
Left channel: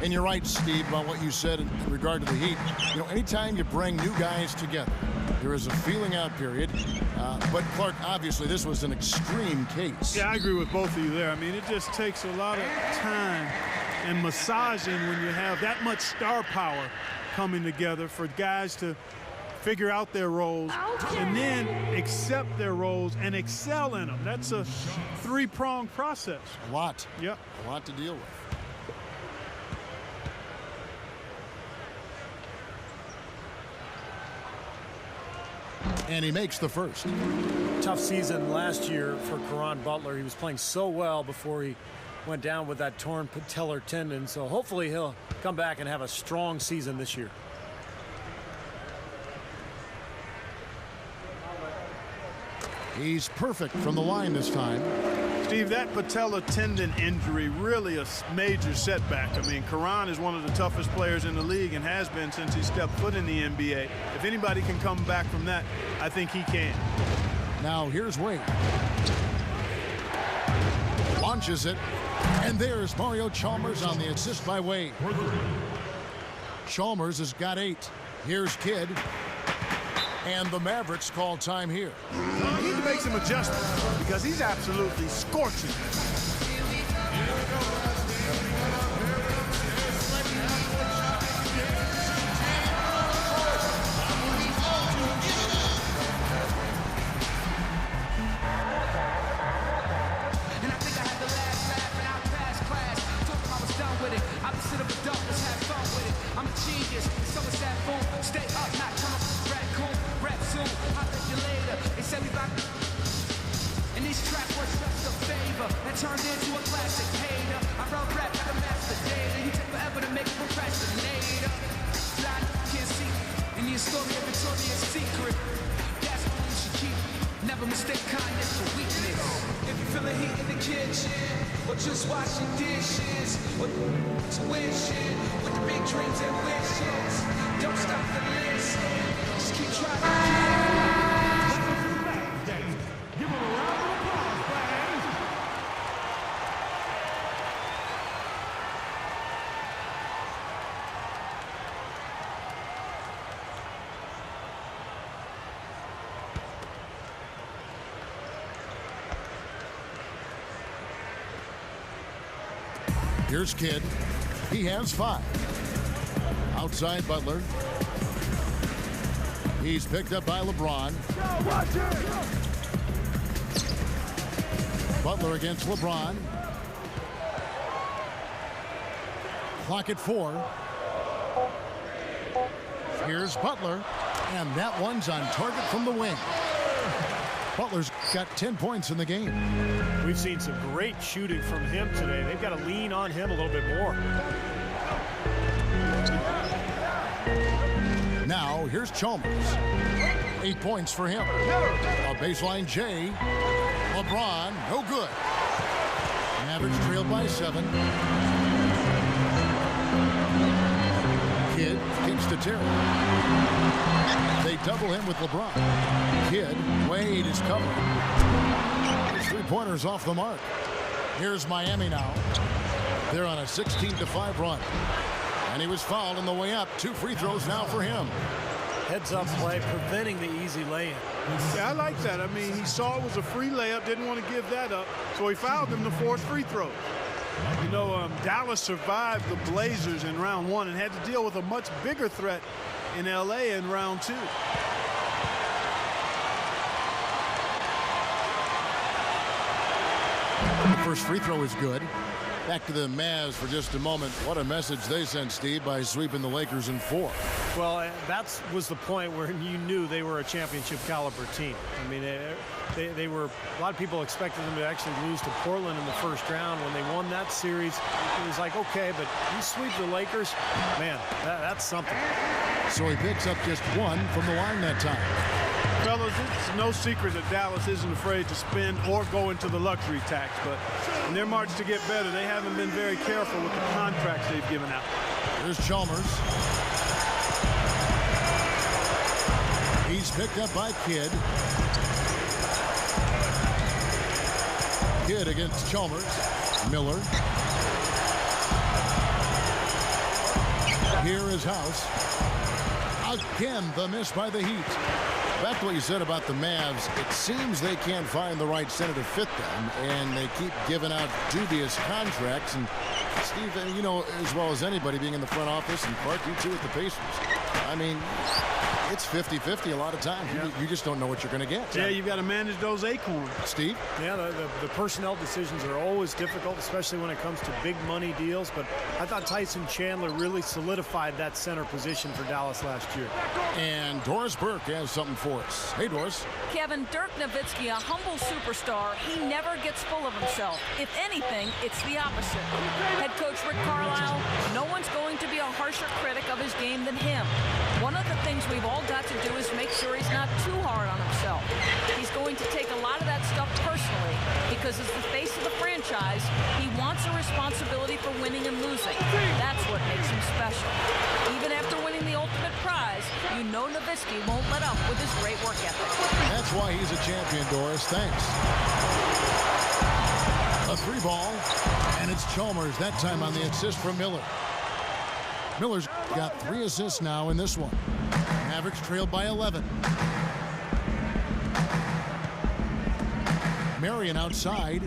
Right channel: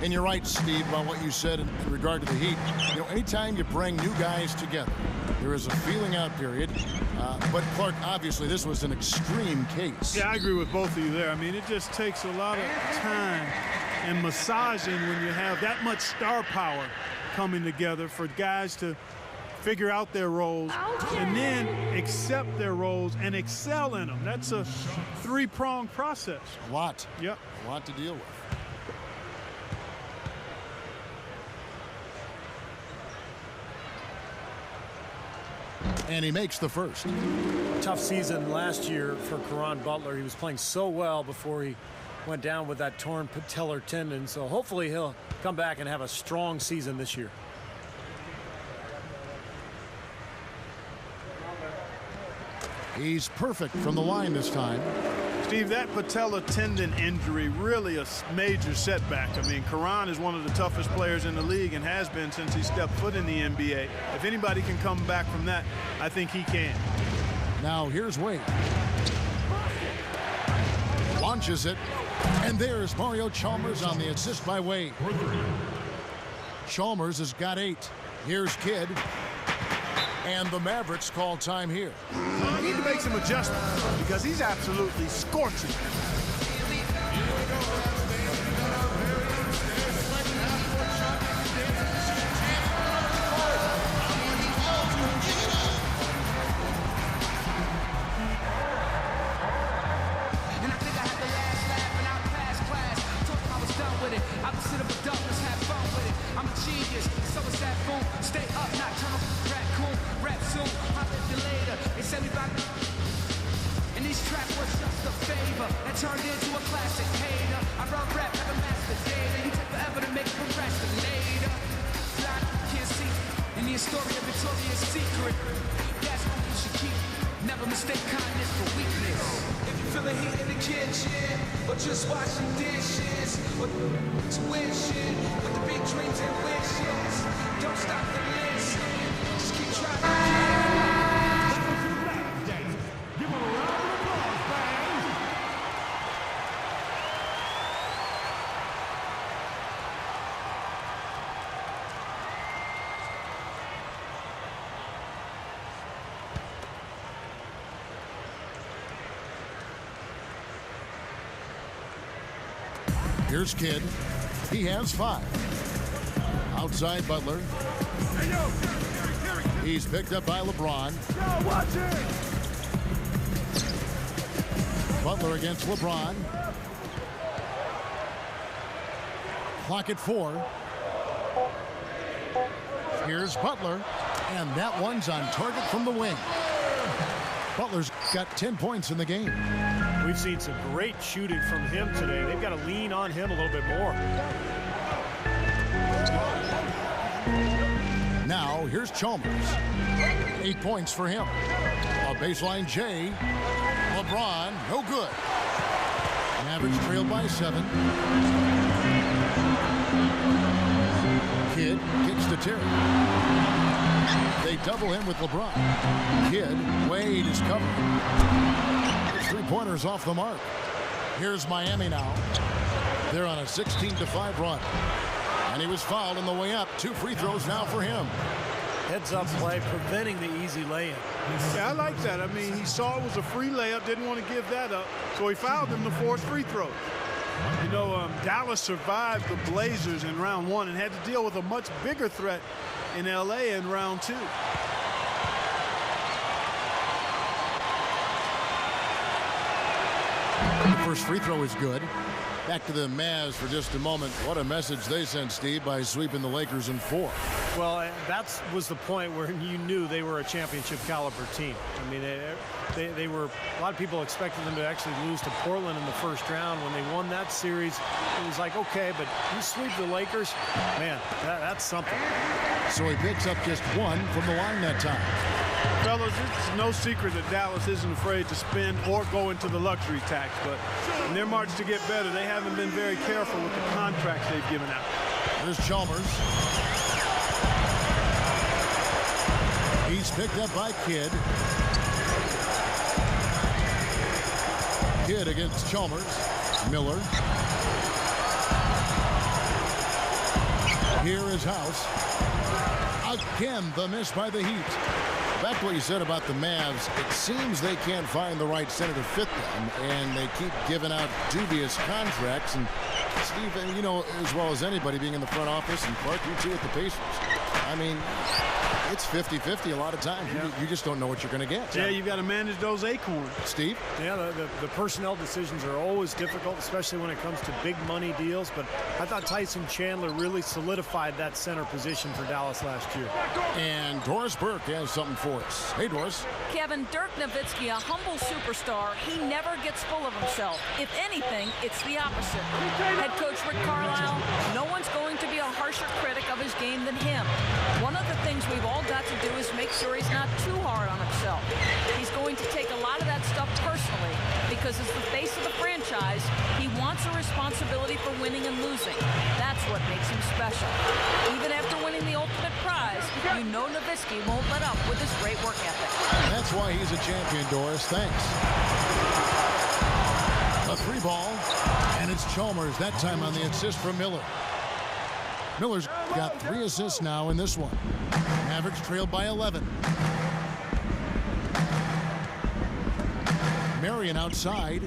And you're right, Steve, about what you said in regard to the Heat. You know, anytime you bring new guys together, there is a feeling out period. But, Clark, obviously this was an extreme case. Yeah, I agree with both of you there. I mean, it just takes a lot of time and massaging when you have that much star power coming together for guys to figure out their roles and then accept their roles and excel in them. That's a three-pronged process. A lot. Yep. A lot to deal with. And he makes the first. Tough season last year for Caron Butler. He was playing so well before he went down with that torn patellar tendon. So hopefully he'll come back and have a strong season this year. He's perfect from the line this time. Steve, that patellar tendon injury really a major setback. I mean, Caron is one of the toughest players in the league and has been since he stepped foot in the NBA. If anybody can come back from that, I think he can. Now here's Wade. Launches it. And there's Mario Chalmers on the assist by Wade. Chalmers has got 8. Here's Kidd. And the Mavericks call time here. We need to make some adjustments because he's absolutely scorching. Here we go, guys. They got a very upstairs sweating half-court shot making dances to see the champion on the court. I want you all to give it up. And I think I had the last laugh and out past class. Told them I was done with it. Opposite of adult, let's have fun with it. I'm a genius, so is that boom. Stay up, not turn off raccoon. Rap soon, I'll live you later. They say we bout. And this track was just a favor that turned into a classic hater. I run rap like a master data. You take forever to make a procrastinator. Blind, can't see. In the story of Victoria's Secret, that's all you should keep. Never mistake kindness for weakness. If you feel the heat in the kitchen, or just washing dishes, or wishing with the big dreams and wishes, don't stop to listen. Just keep trying. Give him a round of applause, fans. Here's Kidd. He has 5. Outside Butler. He's picked up by LeBron. Yo, watch it. Butler against LeBron. Clock at 4. Here's Butler. And that one's on target from the wing. Butler's got 10 points in the game. We've seen some great shooting from him today. They've got to lean on him a little bit more. Now, here's Chalmers. 8 points for him. A baseline J. LeBron, no good. Mavericks trailed by 7. Kidd kicks to Terry. They double him with LeBron. Kidd, Wade is covering. His 3-pointers off the mark. Here's Miami now. They're on a 16-5 run. And he was fouled on the way up. 2 free throws now for him. Heads-up play, preventing the easy lay-in. Yeah, I like that. I mean, he saw it was a free layup, didn't want to give that up, so he fouled him to force free throws. You know, Dallas survived the Blazers in round 1 and had to deal with a much bigger threat in L.A. in round 2. The first free throw is good. Back to the Mavs for just a moment. What a message they sent, Steve, by sweeping the Lakers in 4. Well, that was the point where you knew they were a championship caliber team. I mean, they were, a lot of people expected them to actually lose to Portland in the first round. When they won that series, it was like, okay, but you sweep the Lakers, man, that's something. So he picks up just 1 from the line that time. Fellas, it's no secret that Dallas isn't afraid to spend or go into the luxury tax, but in their march to get better, they haven't been very careful with the contracts they've given out. Here's Chalmers. He's picked up by Kidd. Kidd against Chalmers. Miller. Here is House. Again, the miss by the Heat. Back to what you said about the Mavs, it seems they can't find the right center to fit them, and they keep giving out dubious contracts. And Steve, you know as well as anybody being in the front office, and Clark, you too, with the Pacers. I mean, it's 50-50 a lot of times. Yeah. You just don't know what you're going to get. Yeah, you've got to manage those acorns. Steve? Yeah, the personnel decisions are always difficult, especially when it comes to big money deals. But I thought Tyson Chandler really solidified that center position for Dallas last year. And Doris Burke has something for us. Hey, Doris. Kevin, Dirk Nowitzki, a humble superstar, he never gets full of himself. If anything, it's the opposite. Head coach Rick Carlisle, no one's going to be a harsher critic of his game than him. One of the things we've all got to do is make sure he's not too hard on himself. He's going to take a lot of that stuff personally because as the face of the franchise, he wants a responsibility for winning and losing. That's what makes him special. Even after winning the ultimate prize, you know Nowitzki won't let up with his great work ethic. That's why he's a champion, Doris. Thanks. A 3 ball, and it's Chalmers, that time on the assist from Miller. Miller's got 3 assists now in this one. Mavericks trailed by 11. Marion outside.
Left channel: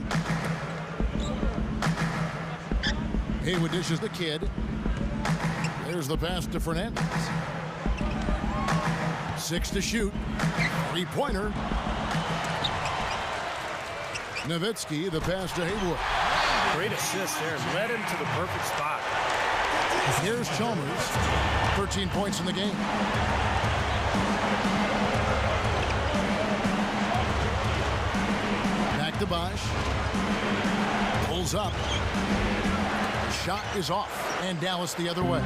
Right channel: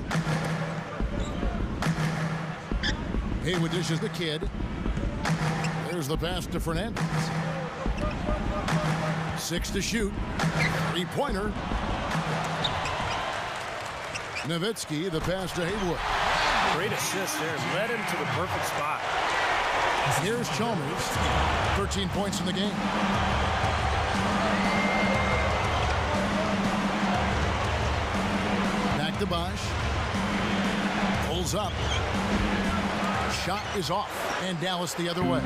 Haywood dishes the Kid. There's the pass to Fernandez. 6 to shoot. 3-pointer. Nowitzki, the pass to Haywood. Great assist there. Led him to the perfect spot. Here's Chalmers. 13 points in the game. Back to Bosch. Pulls up. The shot is off. And Dallas the other way.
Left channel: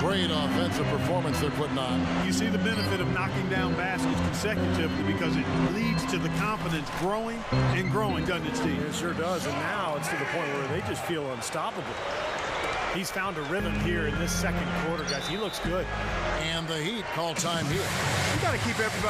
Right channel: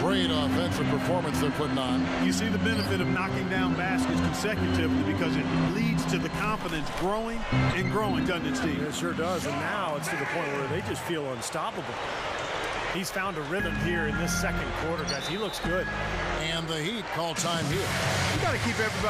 Great offensive performance they're putting on. You see the benefit of knocking down baskets consecutively because it leads to the confidence growing and growing, doesn't it, Steve? It sure does, and now it's to the point where they just feel unstoppable. He's found a rhythm here in this second quarter, guys. He looks good. And the Heat call time here. You got to keep everybody.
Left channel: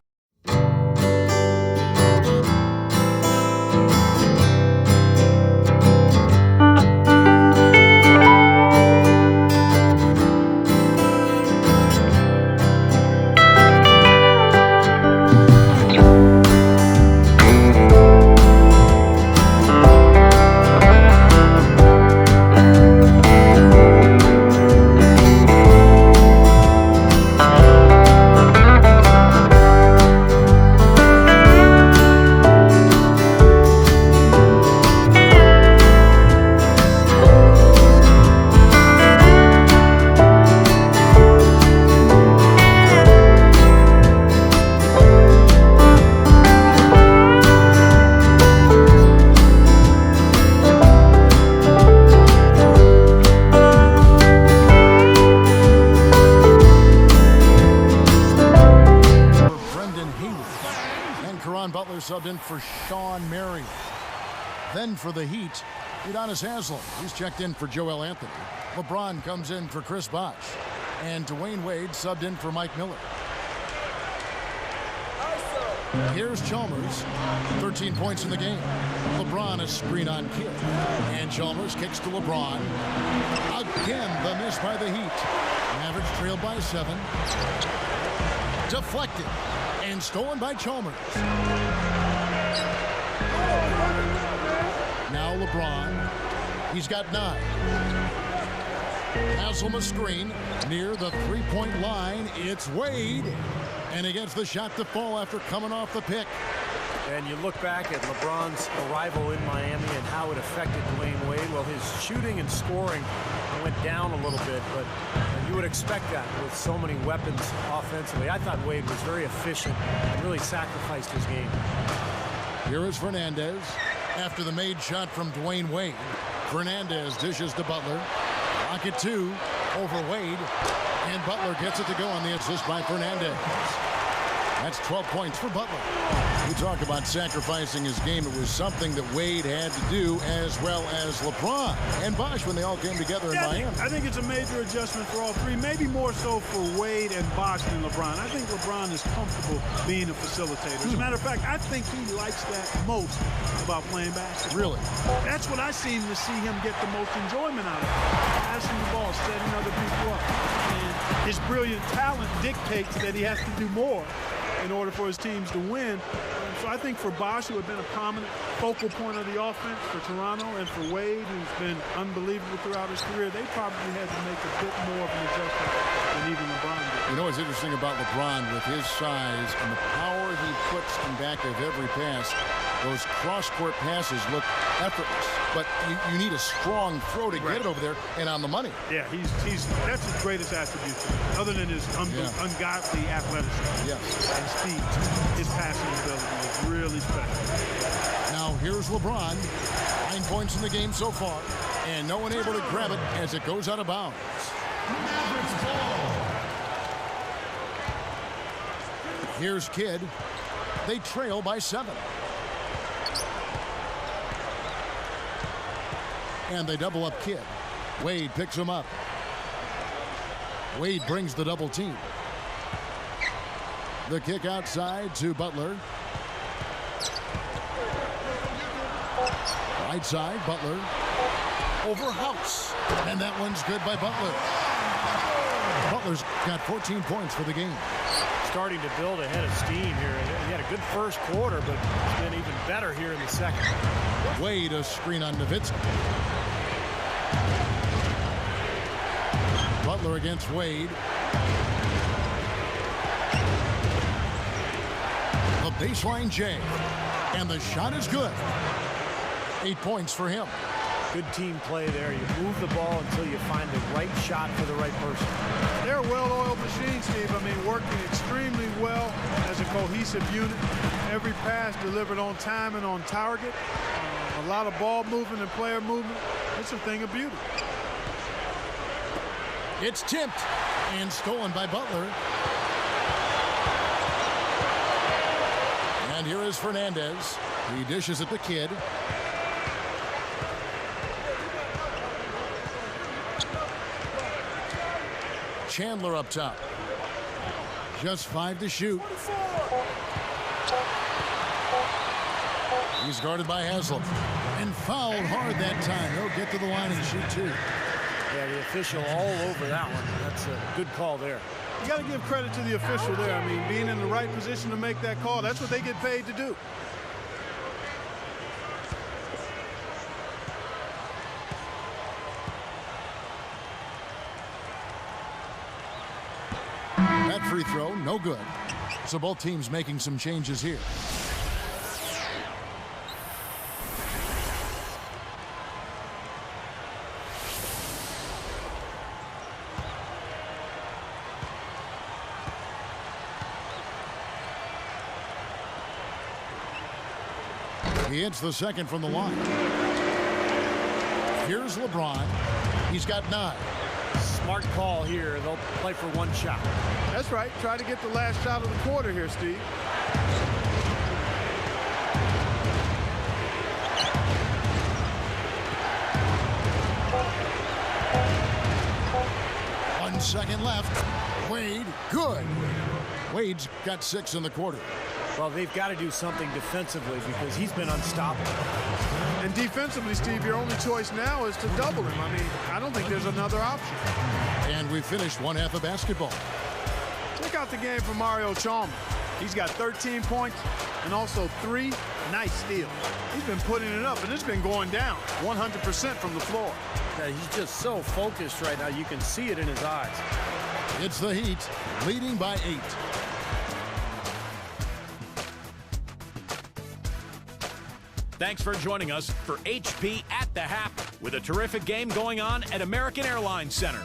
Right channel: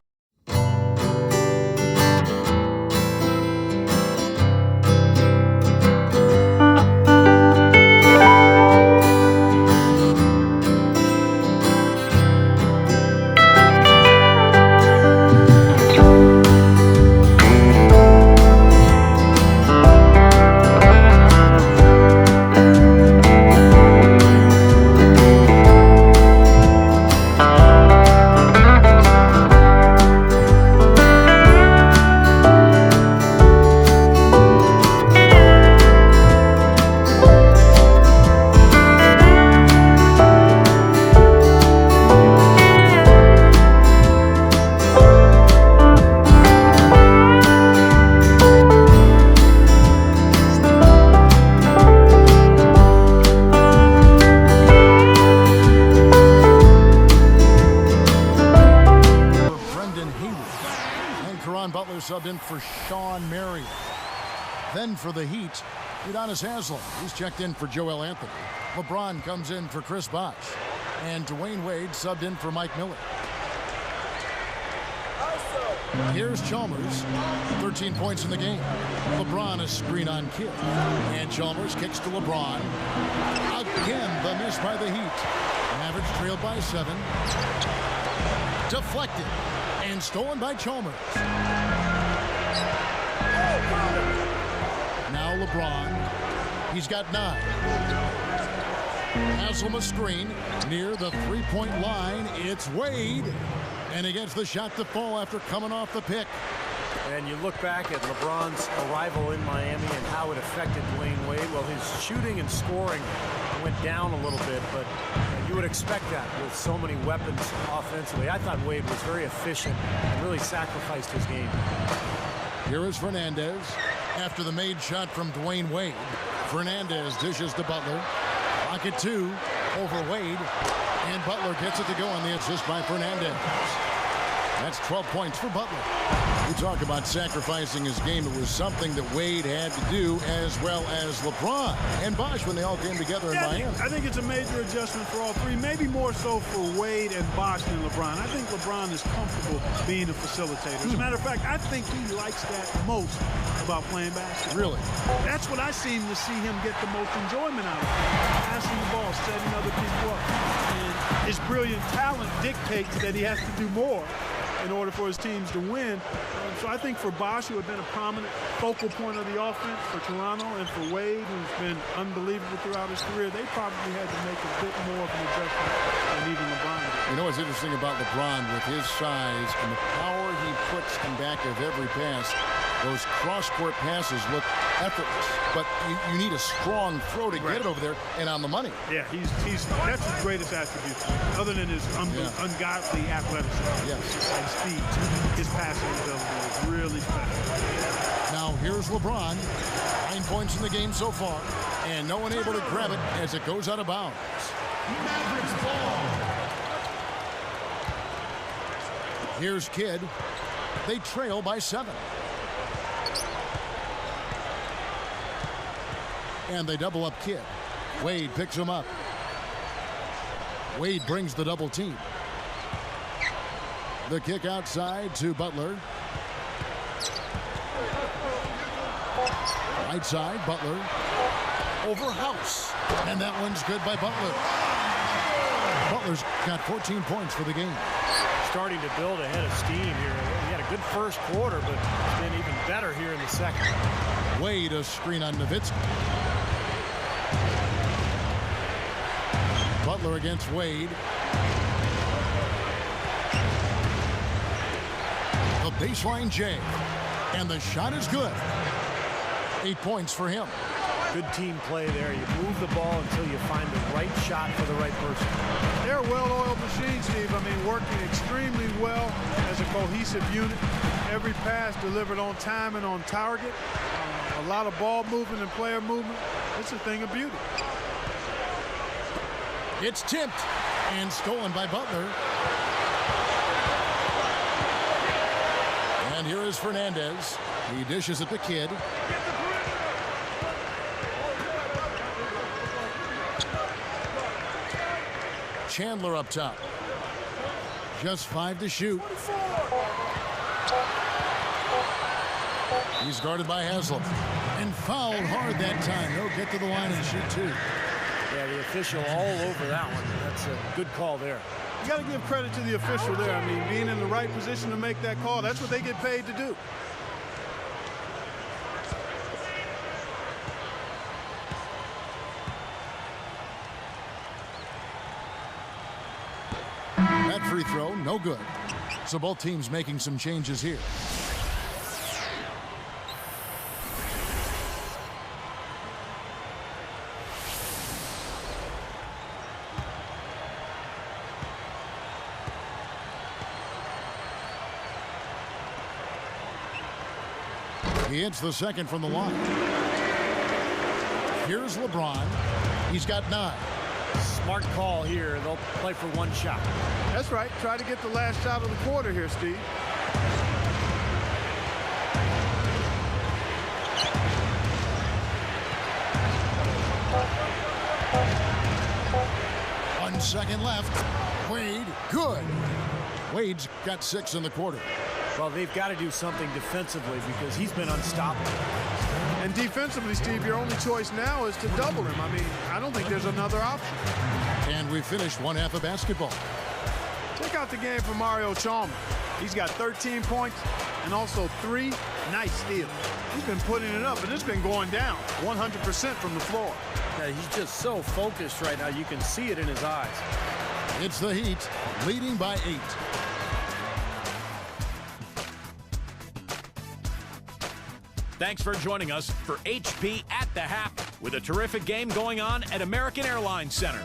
Subbed in for Sean Marion. Then for the Heat, Udonis Haslem. He's checked in for Joel Anthony. LeBron comes in for Chris Bosh. And Dwayne Wade subbed in for Mike Miller. Here's Chalmers. 13 points in the game. LeBron a screen on Kidd. And Chalmers kicks to LeBron. Again, the miss by the Heat. Mavericks trailed by 7. Deflected. And stolen by Chalmers. Now LeBron. He's got 9. Haslem a screen near the 3-point line. It's Wade. And he gets the shot to fall after coming off the pick. And you look back at LeBron's arrival in Miami and how it affected Dwayne Wade. Well, his shooting and scoring went down a little bit, but you would expect that with so many weapons offensively. I thought Wade was very efficient and really sacrificed his game. Here is Fernandez. After the made shot from Dwayne Wade, Fernandez dishes to Butler. Rocket 2 over Wade. And Butler gets it to go on the assist by Fernandez. That's 12 points for Butler. We talk about sacrificing his game. It was something that Wade had to do, as well as LeBron and Bosh when they all came together in Miami. I think it's a major adjustment for all three, maybe more so for Wade and Bosh than LeBron. I think LeBron is comfortable being a facilitator. As a matter of fact, I think he likes that most about playing basketball. Really? That's what I seem to see him get the most enjoyment out of. Passing the ball, setting other people up. And his brilliant talent dictates that he has to do more in order for his teams to win. So I think for Bosh, who had been a prominent focal point of the offense for Toronto, and for Wade, who's been unbelievable throughout his career, they probably had to make a bit more of an adjustment than even LeBron did. You know what's interesting about LeBron with his size and the power he puts in back of every pass? Those cross-court passes look effortless, but you need a strong throw to get it over there and on the money. Yeah, that's his greatest attribute to me, other than his ungodly athleticism and speed. His passing ability is really special. Now here's LeBron, 9 points in the game so far, and no one able to grab it as it goes out of bounds. Mavericks ball. Here's Kidd. They trail by 7. And they double up Kidd. Wade picks him up. Wade brings the double team. The kick outside to Butler. Right side, Butler. Over House. And that one's good by Butler. Butler's got 14 points for the game. Starting to build a head of steam here. He had a good first quarter, but it's been even better here in the second. Wade a screen on Nowitzki. Butler against Wade. The baseline J. And the shot is good. 8 points for him. Good team play there. You move the ball until you find the right shot for the right person. They're a well-oiled machine, Steve. I mean, working extremely well as a cohesive unit. Every pass delivered on time and on target. A lot of ball movement and player movement. It's a thing of beauty. It's tipped and stolen by Butler. And here is Fernandez. He dishes it to Kidd. Chandler up top. Just 5 to shoot. He's guarded by Haslam. And fouled hard that time. He'll get to the line and shoot 2. Yeah, the official all over that one. That's a good call there. You got to give credit to the official there. I mean, being in the right position to make that call, that's what they get paid to do. That free throw, no good. So both teams making some changes here. He hits the second from the line. Here's LeBron. He's got 9. Smart call here. They'll play for 1 shot. That's right. Try to get the last shot of the quarter here, Steve. One second left. Wade, good. Wade's got 6 in the quarter. Well, they've got to do something defensively because he's been unstoppable. And defensively, Steve, your only choice now is to double him. I mean, I don't think there's another option. And we finished 1 half of basketball. Check out the game for Mario Chalmers. He's got 13 points and also 3 nice steals. He's been putting it up, and it's been going down 100% from the floor. Yeah, he's just so focused right now. You can see it in his eyes. It's the Heat, leading by 8. Thanks for joining us for HP at the Half with a terrific game going on at American Airlines Center.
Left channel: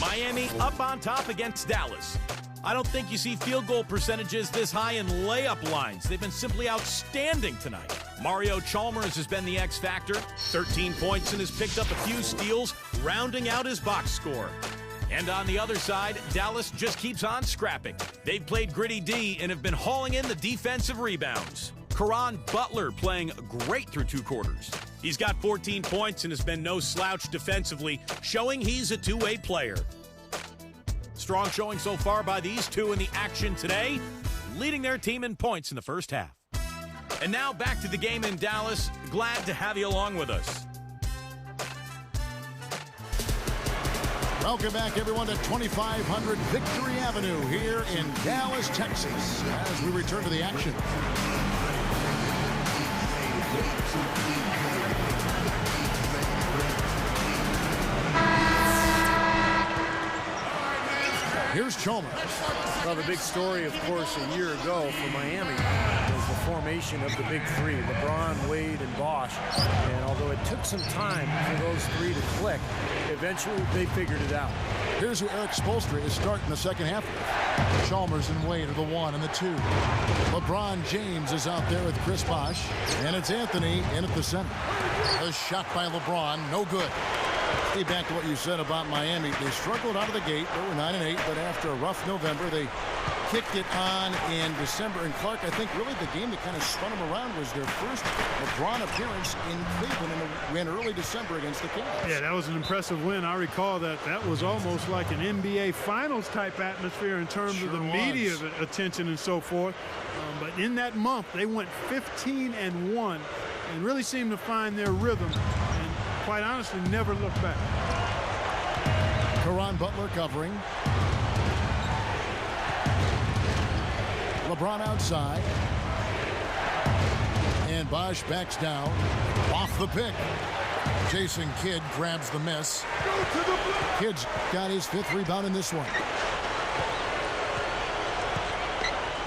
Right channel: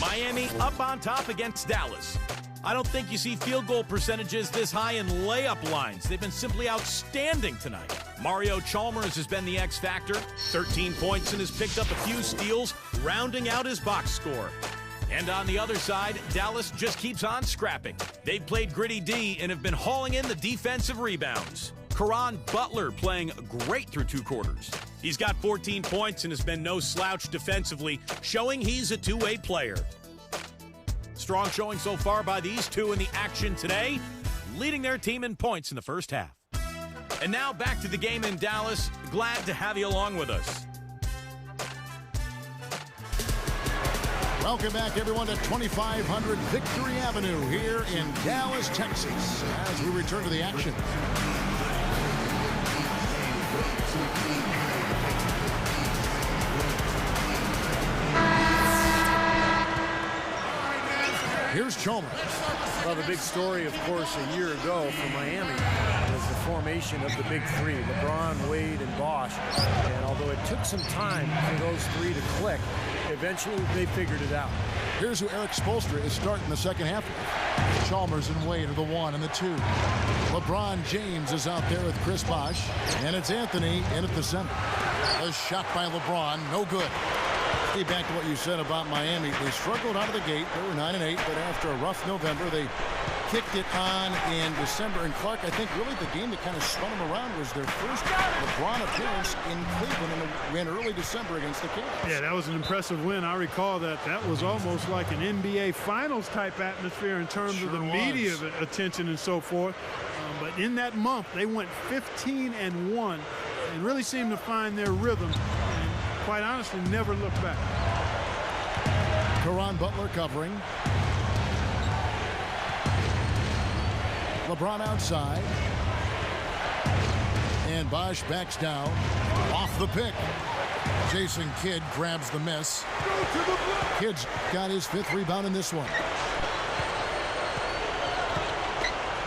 Miami up on top against Dallas. I don't think you see field goal percentages this high in layup lines. They've been simply outstanding tonight. Mario Chalmers has been the X factor, 13 points and has picked up a few steals, rounding out his box score. And on the other side, Dallas just keeps on scrapping. They've played gritty D and have been hauling in the defensive rebounds. Caron Butler playing great through 2 quarters. He's got 14 points and has been no slouch defensively, showing he's a two-way player. Strong showing so far by these two in the action today, leading their team in points in the first half. And now back to the game in Dallas. Glad to have you along with us. Welcome back, everyone, to 2500 Victory Avenue here in Dallas, Texas, as we return to the action. Here's Chalmers. Well, the big story, of course, a year ago for Miami was the formation of the big 3, LeBron, Wade, and Bosh. And although it took some time for those 3 to click, eventually they figured it out. Here's who Eric Spoelstra is starting the second half with. Chalmers and Wade are the 1 and the 2. LeBron James is out there with Chris Bosh. And it's Anthony in at the center. A shot by LeBron, no good. Steve, back to what you said about Miami. They struggled out of the gate. They were 9-8, but after a rough November, they kicked it on in December. And Clark, I think really the game that kind of spun them around was their first LeBron appearance in Cleveland in a win early December against the Cavs. Yeah, that was an impressive win. I recall that. That was almost like an NBA Finals type atmosphere in terms of the media attention and so forth. But in that month, they went 15-1 and really seemed to find their rhythm and, quite honestly, never looked back. Caron Butler covering. LeBron outside. And Bosch backs down. Off the pick. Jason Kidd grabs the miss. Kidd's got his 5th rebound in this one.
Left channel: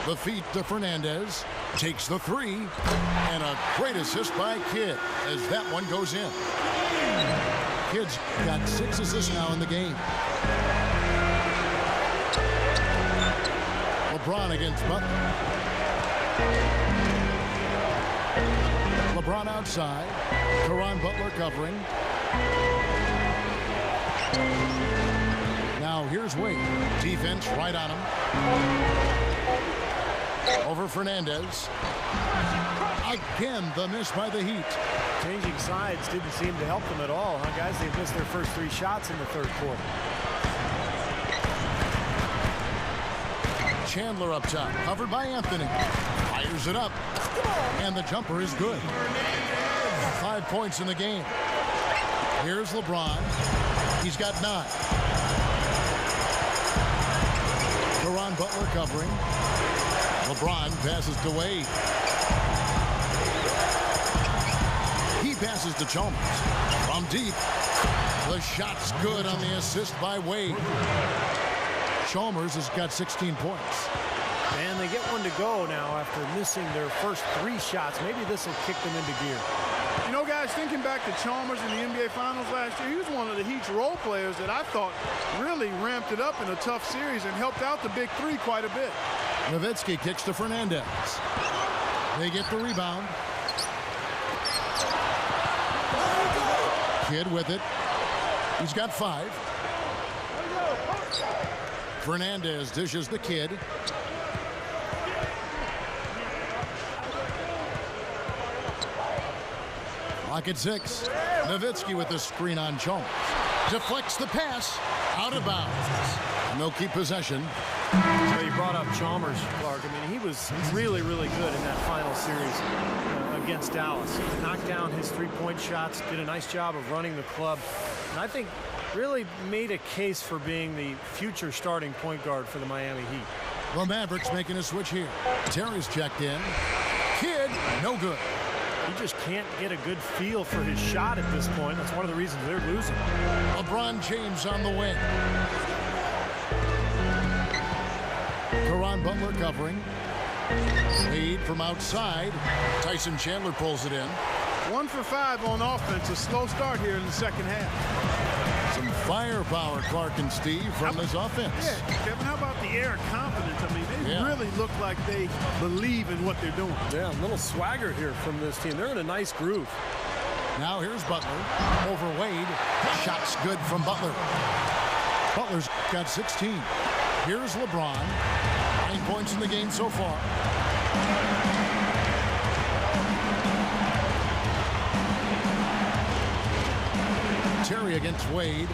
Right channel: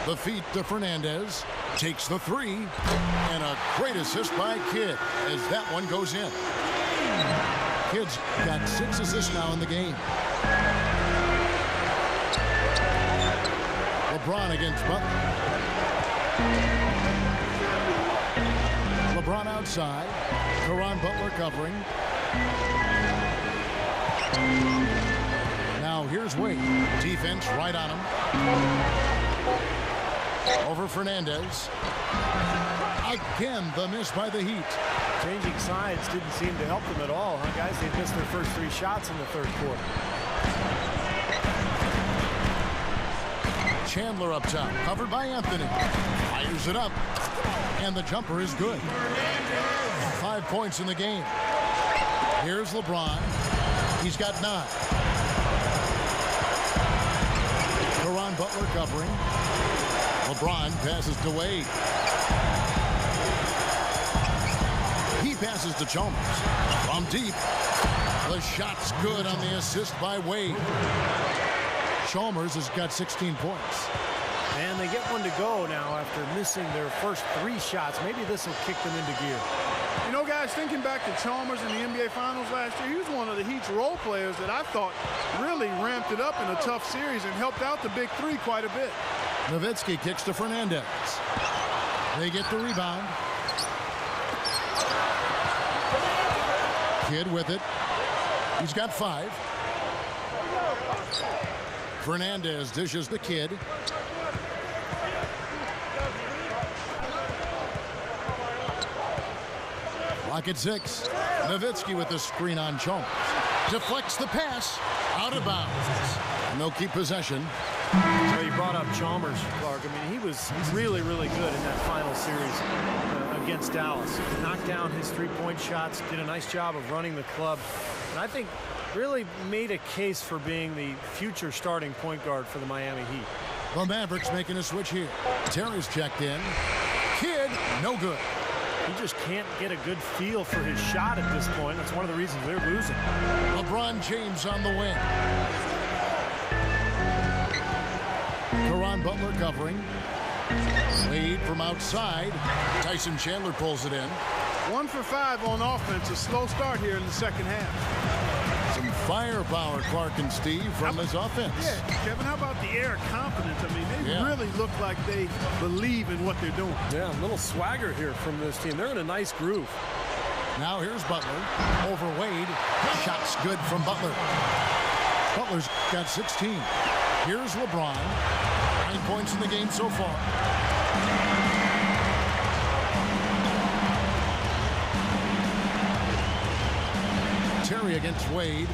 The feet to Fernandez. Takes the 3. And a great assist by Kidd as that one goes in. Kidd's got 6 assists now in the game. LeBron against Butler. LeBron outside. Caron Butler covering. Now here's Wade. Defense right on him. Over Fernandez. Again, the miss by the Heat. Changing sides didn't seem to help them at all, huh, guys? They've missed their first 3 shots in the 3rd quarter. Chandler up top, covered by Anthony. Fires it up. And the jumper is good. 5 points in the game. Here's LeBron. He's got 9. Caron Butler covering. LeBron passes to Wade. He passes to Chalmers. From deep. The shot's good on the assist by Wade. Chalmers has got 16 points. And they get one to go now after missing their first 3 shots. Maybe this will kick them into gear. You know, guys, thinking back to Chalmers in the NBA Finals last year, he was one of the Heat's role players that I thought really ramped it up in a tough series and helped out the big 3 quite a bit. Nowitzki kicks to Fernandez. They get the rebound. Kidd with it. He's got 5. Fernandez dishes the Kidd. Lock at 6. Nowitzki with the screen on Chalmers. Deflects the pass. Out of bounds. And they'll keep possession. So you brought up Chalmers, Clark. I mean, he was really, really good in that final series against Dallas. Knocked down his 3-point shots, did a nice job of running the club, and I think really made a case for being the future starting point guard for the Miami Heat. The Mavericks making a switch here. Terry's checked in. Kidd, no good. He just can't get a good feel for his shot at this point. That's one of the reasons they're losing. LeBron James on the wing. Caron Butler covering. Wade from outside. Tyson Chandler pulls it in. 1 for 5 on offense. A slow start here in the second half. Some firepower, Clark and Steve, from this offense. Yeah, Kevin, how about the air of confidence? I mean, they really look like they believe in what they're doing. Yeah, a little swagger here from this team. They're in a nice groove. Now here's Butler. Over Wade. Shots good from Butler. Butler's got 16. Here's LeBron. 9 points in the game so far. Terry against Wade.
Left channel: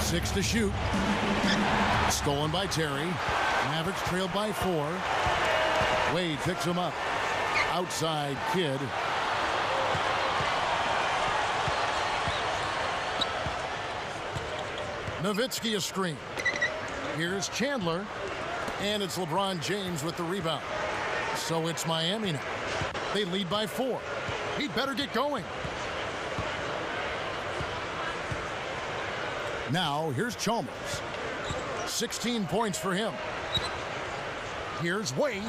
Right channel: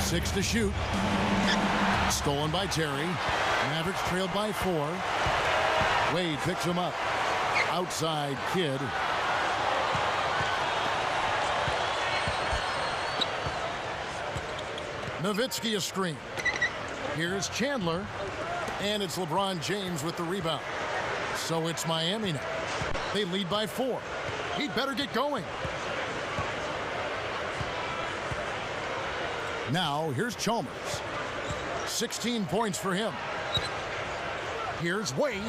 Six to shoot. Stolen by Terry. Mavericks trailed by 4. Wade picks him up. Outside Kidd. Nowitzki a screen. Here's Chandler. And it's LeBron James with the rebound. So it's Miami now. They lead by 4. He'd better get going. Now here's Chalmers. 16 points for him. Here's Wade.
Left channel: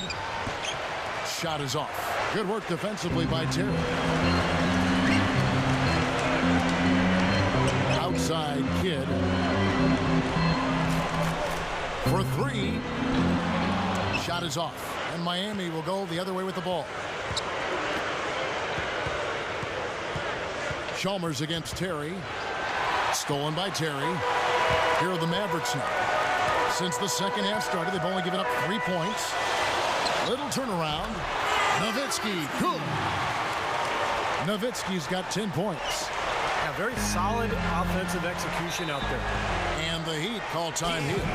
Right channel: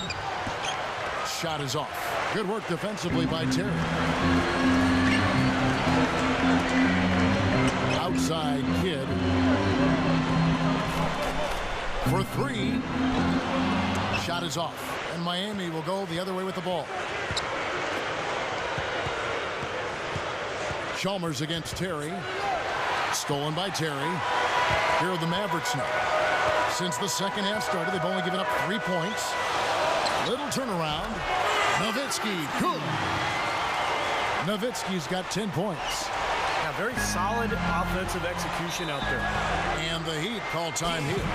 Shot is off. Good work defensively by Terry. Outside Kidd. For 3. Shot is off. And Miami will go the other way with the ball. Chalmers against Terry. Stolen by Terry. Here are the Mavericks now. Since the second half started, they've only given up 3 points. Little turnaround. Nowitzki, good. Nowitzki's got 10 points. Yeah, very solid offensive execution out there. And the Heat call time here.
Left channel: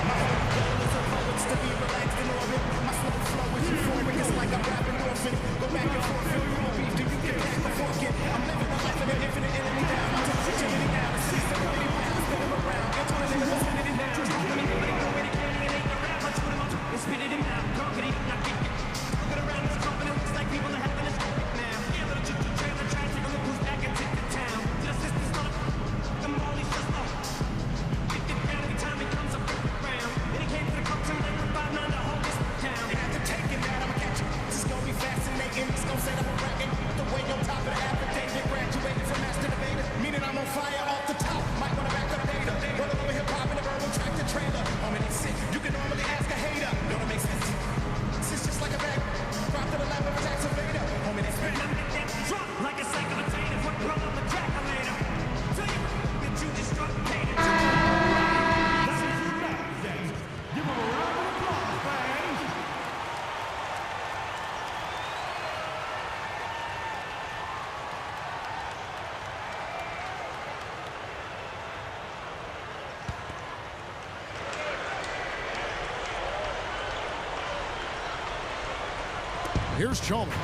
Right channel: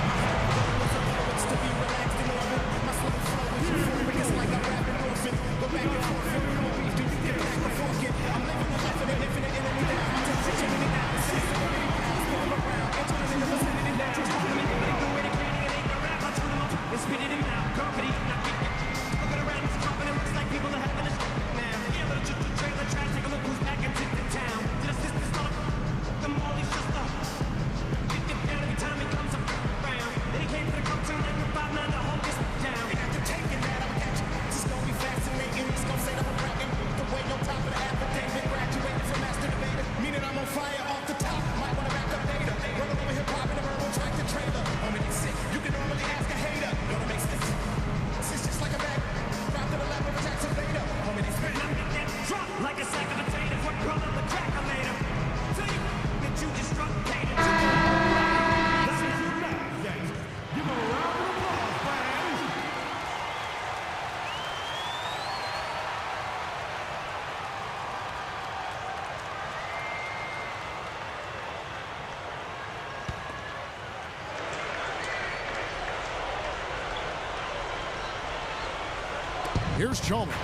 Here's Chalmers.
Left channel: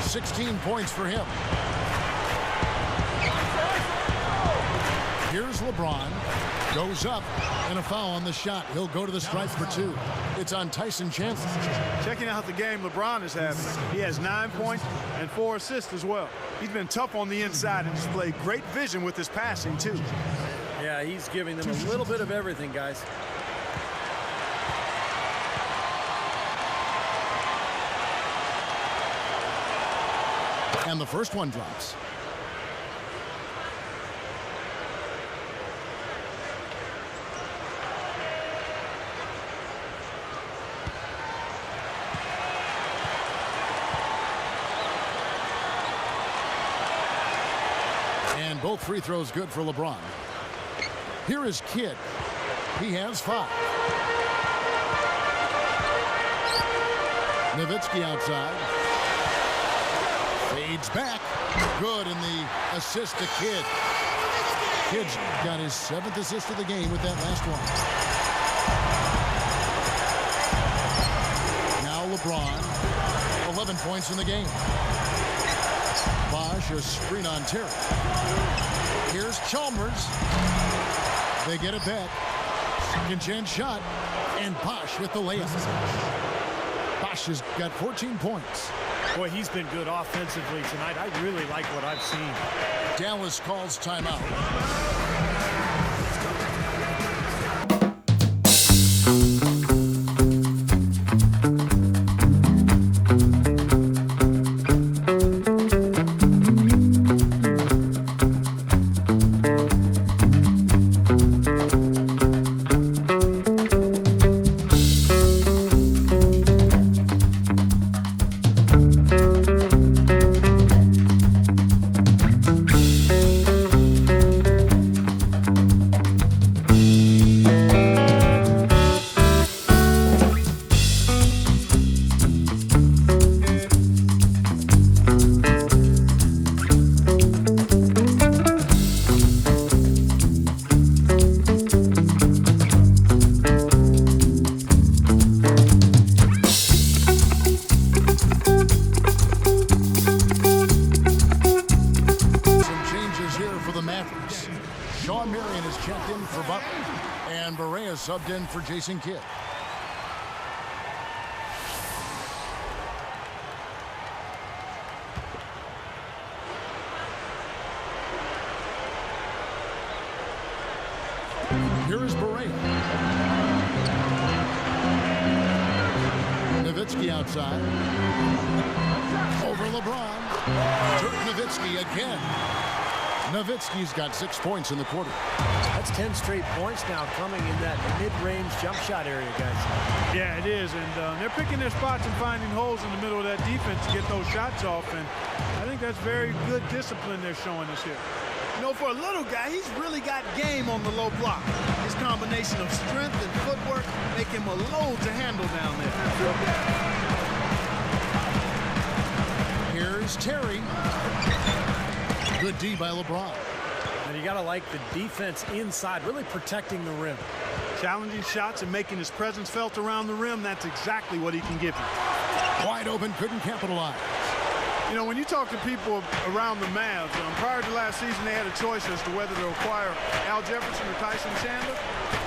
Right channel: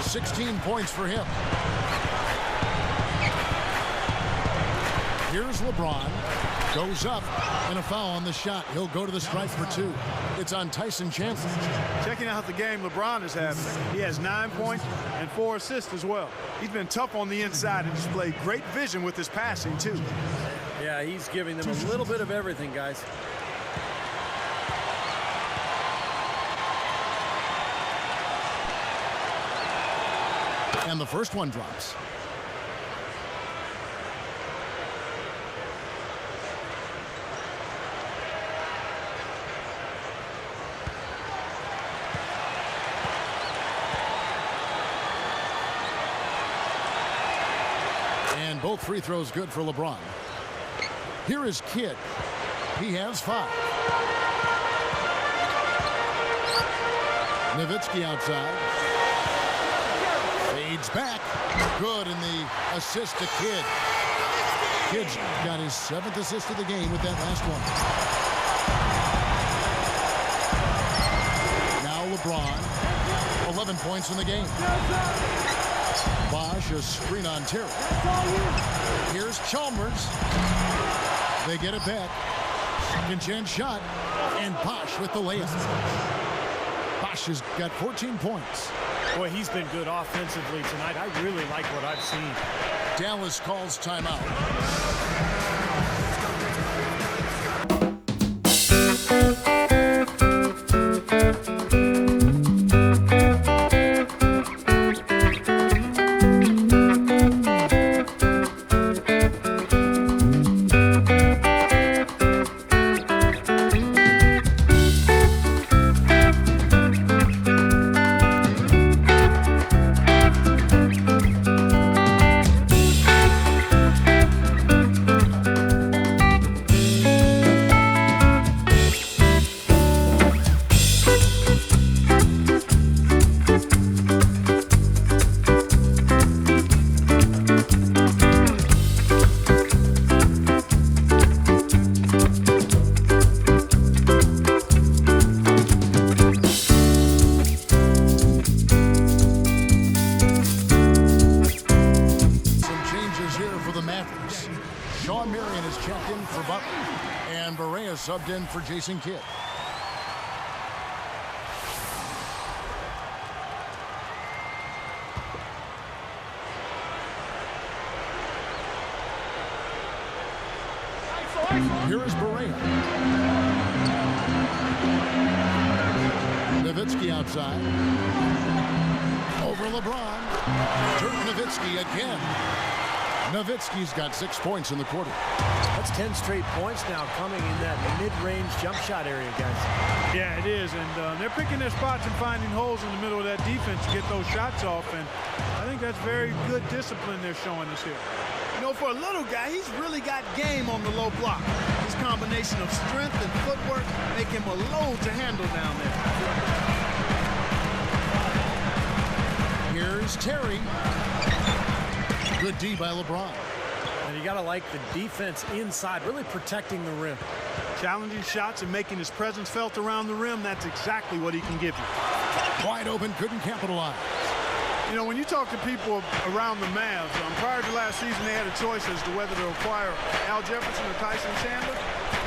16 points for him. Here's LeBron. Goes up, and a foul on the shot. He'll go to the stripe for 2. It's on Tyson Chandler. Checking out the game LeBron is having. He has 9 points and 4 assists as well. He's been tough on the inside and displayed great vision with his passing, too. Yeah, he's giving them a little bit of everything, guys. And the first one drops. And both free throws good for LeBron. Here is Kidd. He has 5. Nowitzki outside. Fades back. Good in the assist to Kidd. Kidd's got his 7th assist of the game with that last one. Now LeBron. 11 points in the game. Bosch, a screen on Terry. Here's Chalmers. They get it back. Second chance shot. And Bosch with the layup. Bosch has got 14 points. Boy, he's been good offensively tonight. I really like what I've seen. Dallas calls timeout. Mavericks. Sean Marion has checked in for Butler, and Barea subbed in for Jason Kidd. Here is Barea. Nowitzki outside. Over LeBron. Dirk Nowitzki again. Nowitzki's got 6 points in the quarter. That's 10 straight points now coming in that mid-range jump shot area, guys. Yeah, it is, and they're picking their spots and finding holes in the middle of that defense to get those shots off, and I think that's very good discipline they're showing us here. You know, for a little guy, he's really got game on the low block. His combination of strength and footwork make him a load to handle down there. Here's Terry. Good D by LeBron. And you got to like the defense inside, really protecting the rim. Challenging shots and making his presence felt around the rim, that's exactly what he can give you. Wide open, couldn't capitalize. You know, when you talk to people around the Mavs, prior to last season, they had a choice as to whether to acquire Al Jefferson or Tyson Chandler,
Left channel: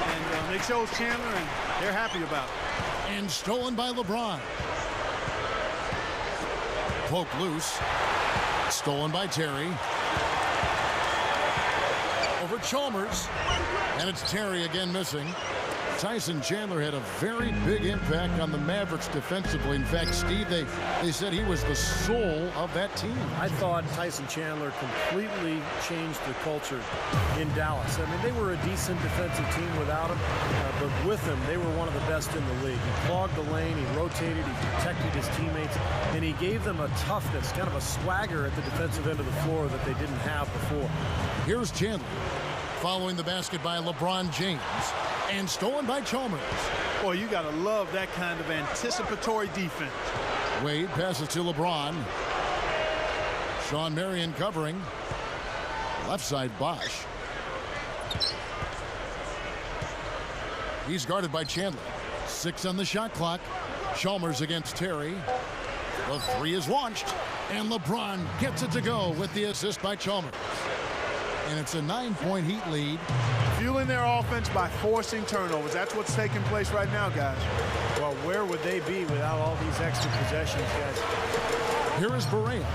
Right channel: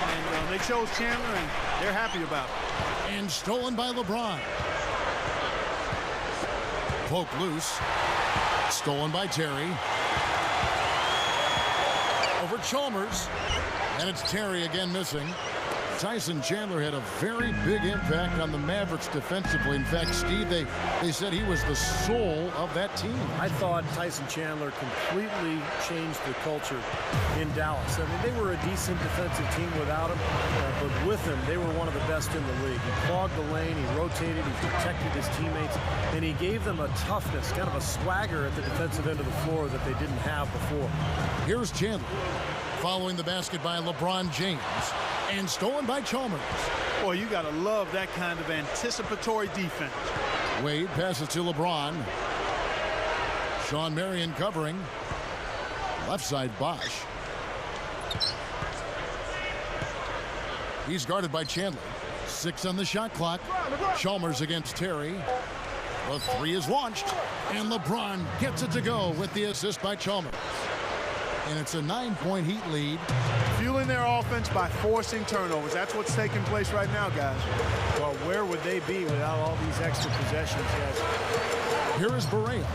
and they chose Chandler, and they're happy about it. And stolen by LeBron. Poke loose. Stolen by Terry. Over Chalmers. And it's Terry again missing. Tyson Chandler had a very big impact on the Mavericks defensively. In fact, Steve, they said he was the soul of that team. I thought Tyson Chandler completely changed the culture in Dallas. I mean, they were a decent defensive team without him, but with him, they were one of the best in the league. He clogged the lane, he rotated, he protected his teammates, and he gave them a toughness, kind of a swagger at the defensive end of the floor that they didn't have before. Here's Chandler, following the basket by LeBron James. And stolen by Chalmers. Boy, you got to love that kind of anticipatory defense. Wade passes to LeBron. Sean Marion covering. Left side Bosch. He's guarded by Chandler. 6 on the shot clock. Chalmers against Terry. The three is launched, and LeBron gets it to go with the assist by Chalmers. And it's a 9-point Heat lead. Fueling their offense by forcing turnovers. That's what's taking place right now, guys. Well, where would they be without all these extra possessions, guys? Here is Barea.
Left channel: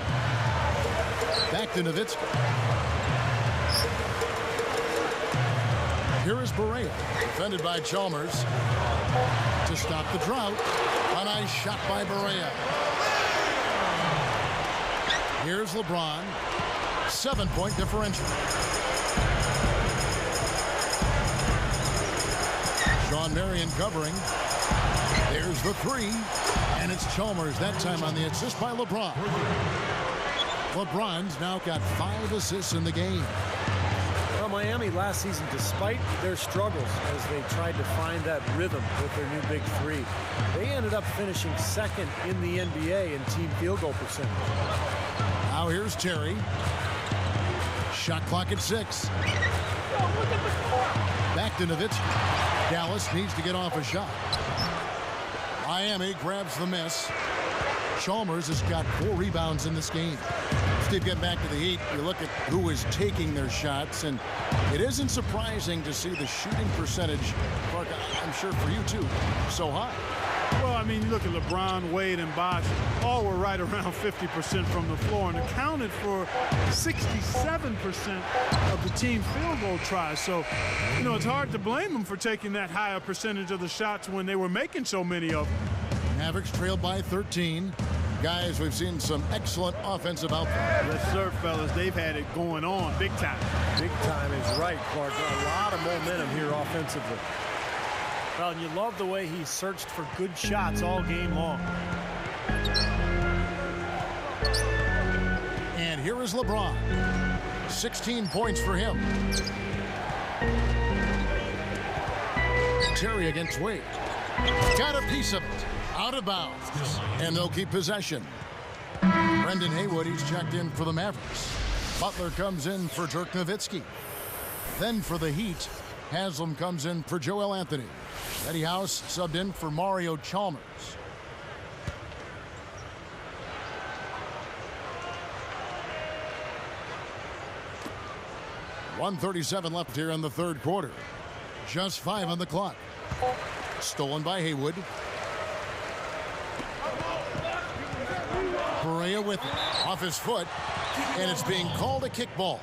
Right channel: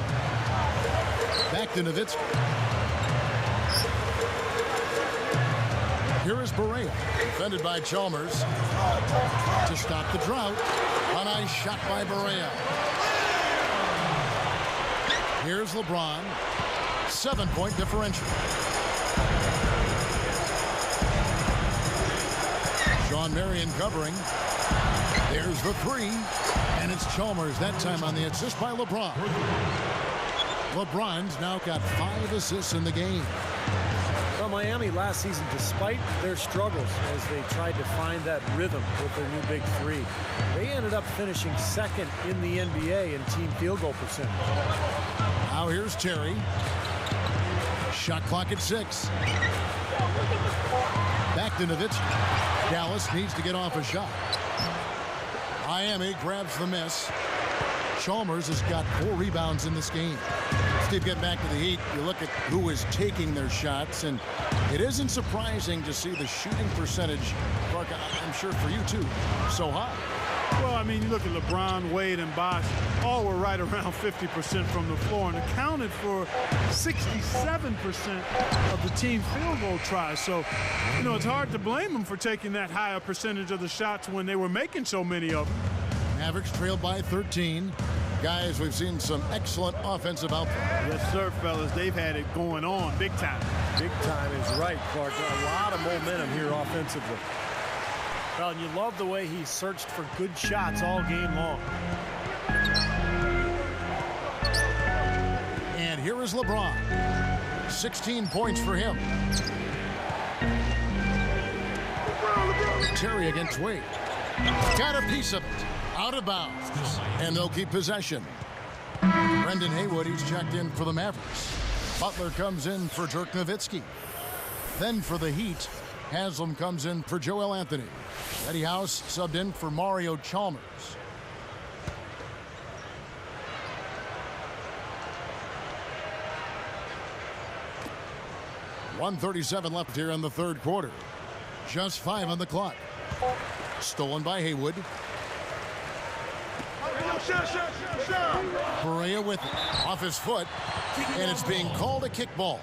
Back to Nowitzki. Here is Barea, defended by Chalmers. To stop the drought, a nice shot by Barea. Here's LeBron, 7-point differential. Sean Marion covering. There's the three, and it's Chalmers that time on the assist by LeBron. LeBron's now got 5 assists in the game. Well, Miami last season, despite their struggles as they tried to find that rhythm with their new big three, they ended up finishing second in the NBA in team field goal percentage. Now here's Terry. Shot clock at 6. Back to Nowitzki. Dallas needs to get off a shot. Miami grabs the miss. Chalmers has got 4 rebounds in this game. Steve, getting back to the Heat, you look at who is taking their shots, and it isn't surprising to see the shooting percentage, Clark, I'm sure for you too, so high. Well, I mean, you look at LeBron, Wade, and Bosh, all were right around 50% from the floor and accounted for 67% of the team's field goal tries. So, you know, it's hard to blame them for taking that higher percentage of the shots when they were making so many of them. Mavericks trailed by 13. Guys, we've seen some excellent offensive output. Yes, sir, fellas. They've had it going on big time. Big time is right, Clark. A lot of momentum here offensively. Well, and you love the way he searched for good shots all game long. And here is LeBron. 16 points for him. Terry against Wade. Got a piece of it. Out of bounds. And they'll keep possession. Brendan Haywood, he's checked in for the Mavericks. Butler comes in for Dirk Nowitzki. Then for the Heat, Haslam comes in for Joel Anthony. Eddie House subbed in for Mario Chalmers. .137 left here in the third quarter. Just 5 on the clock. Stolen by Haywood. Barea with it. Off his foot. And it's being called a kickball.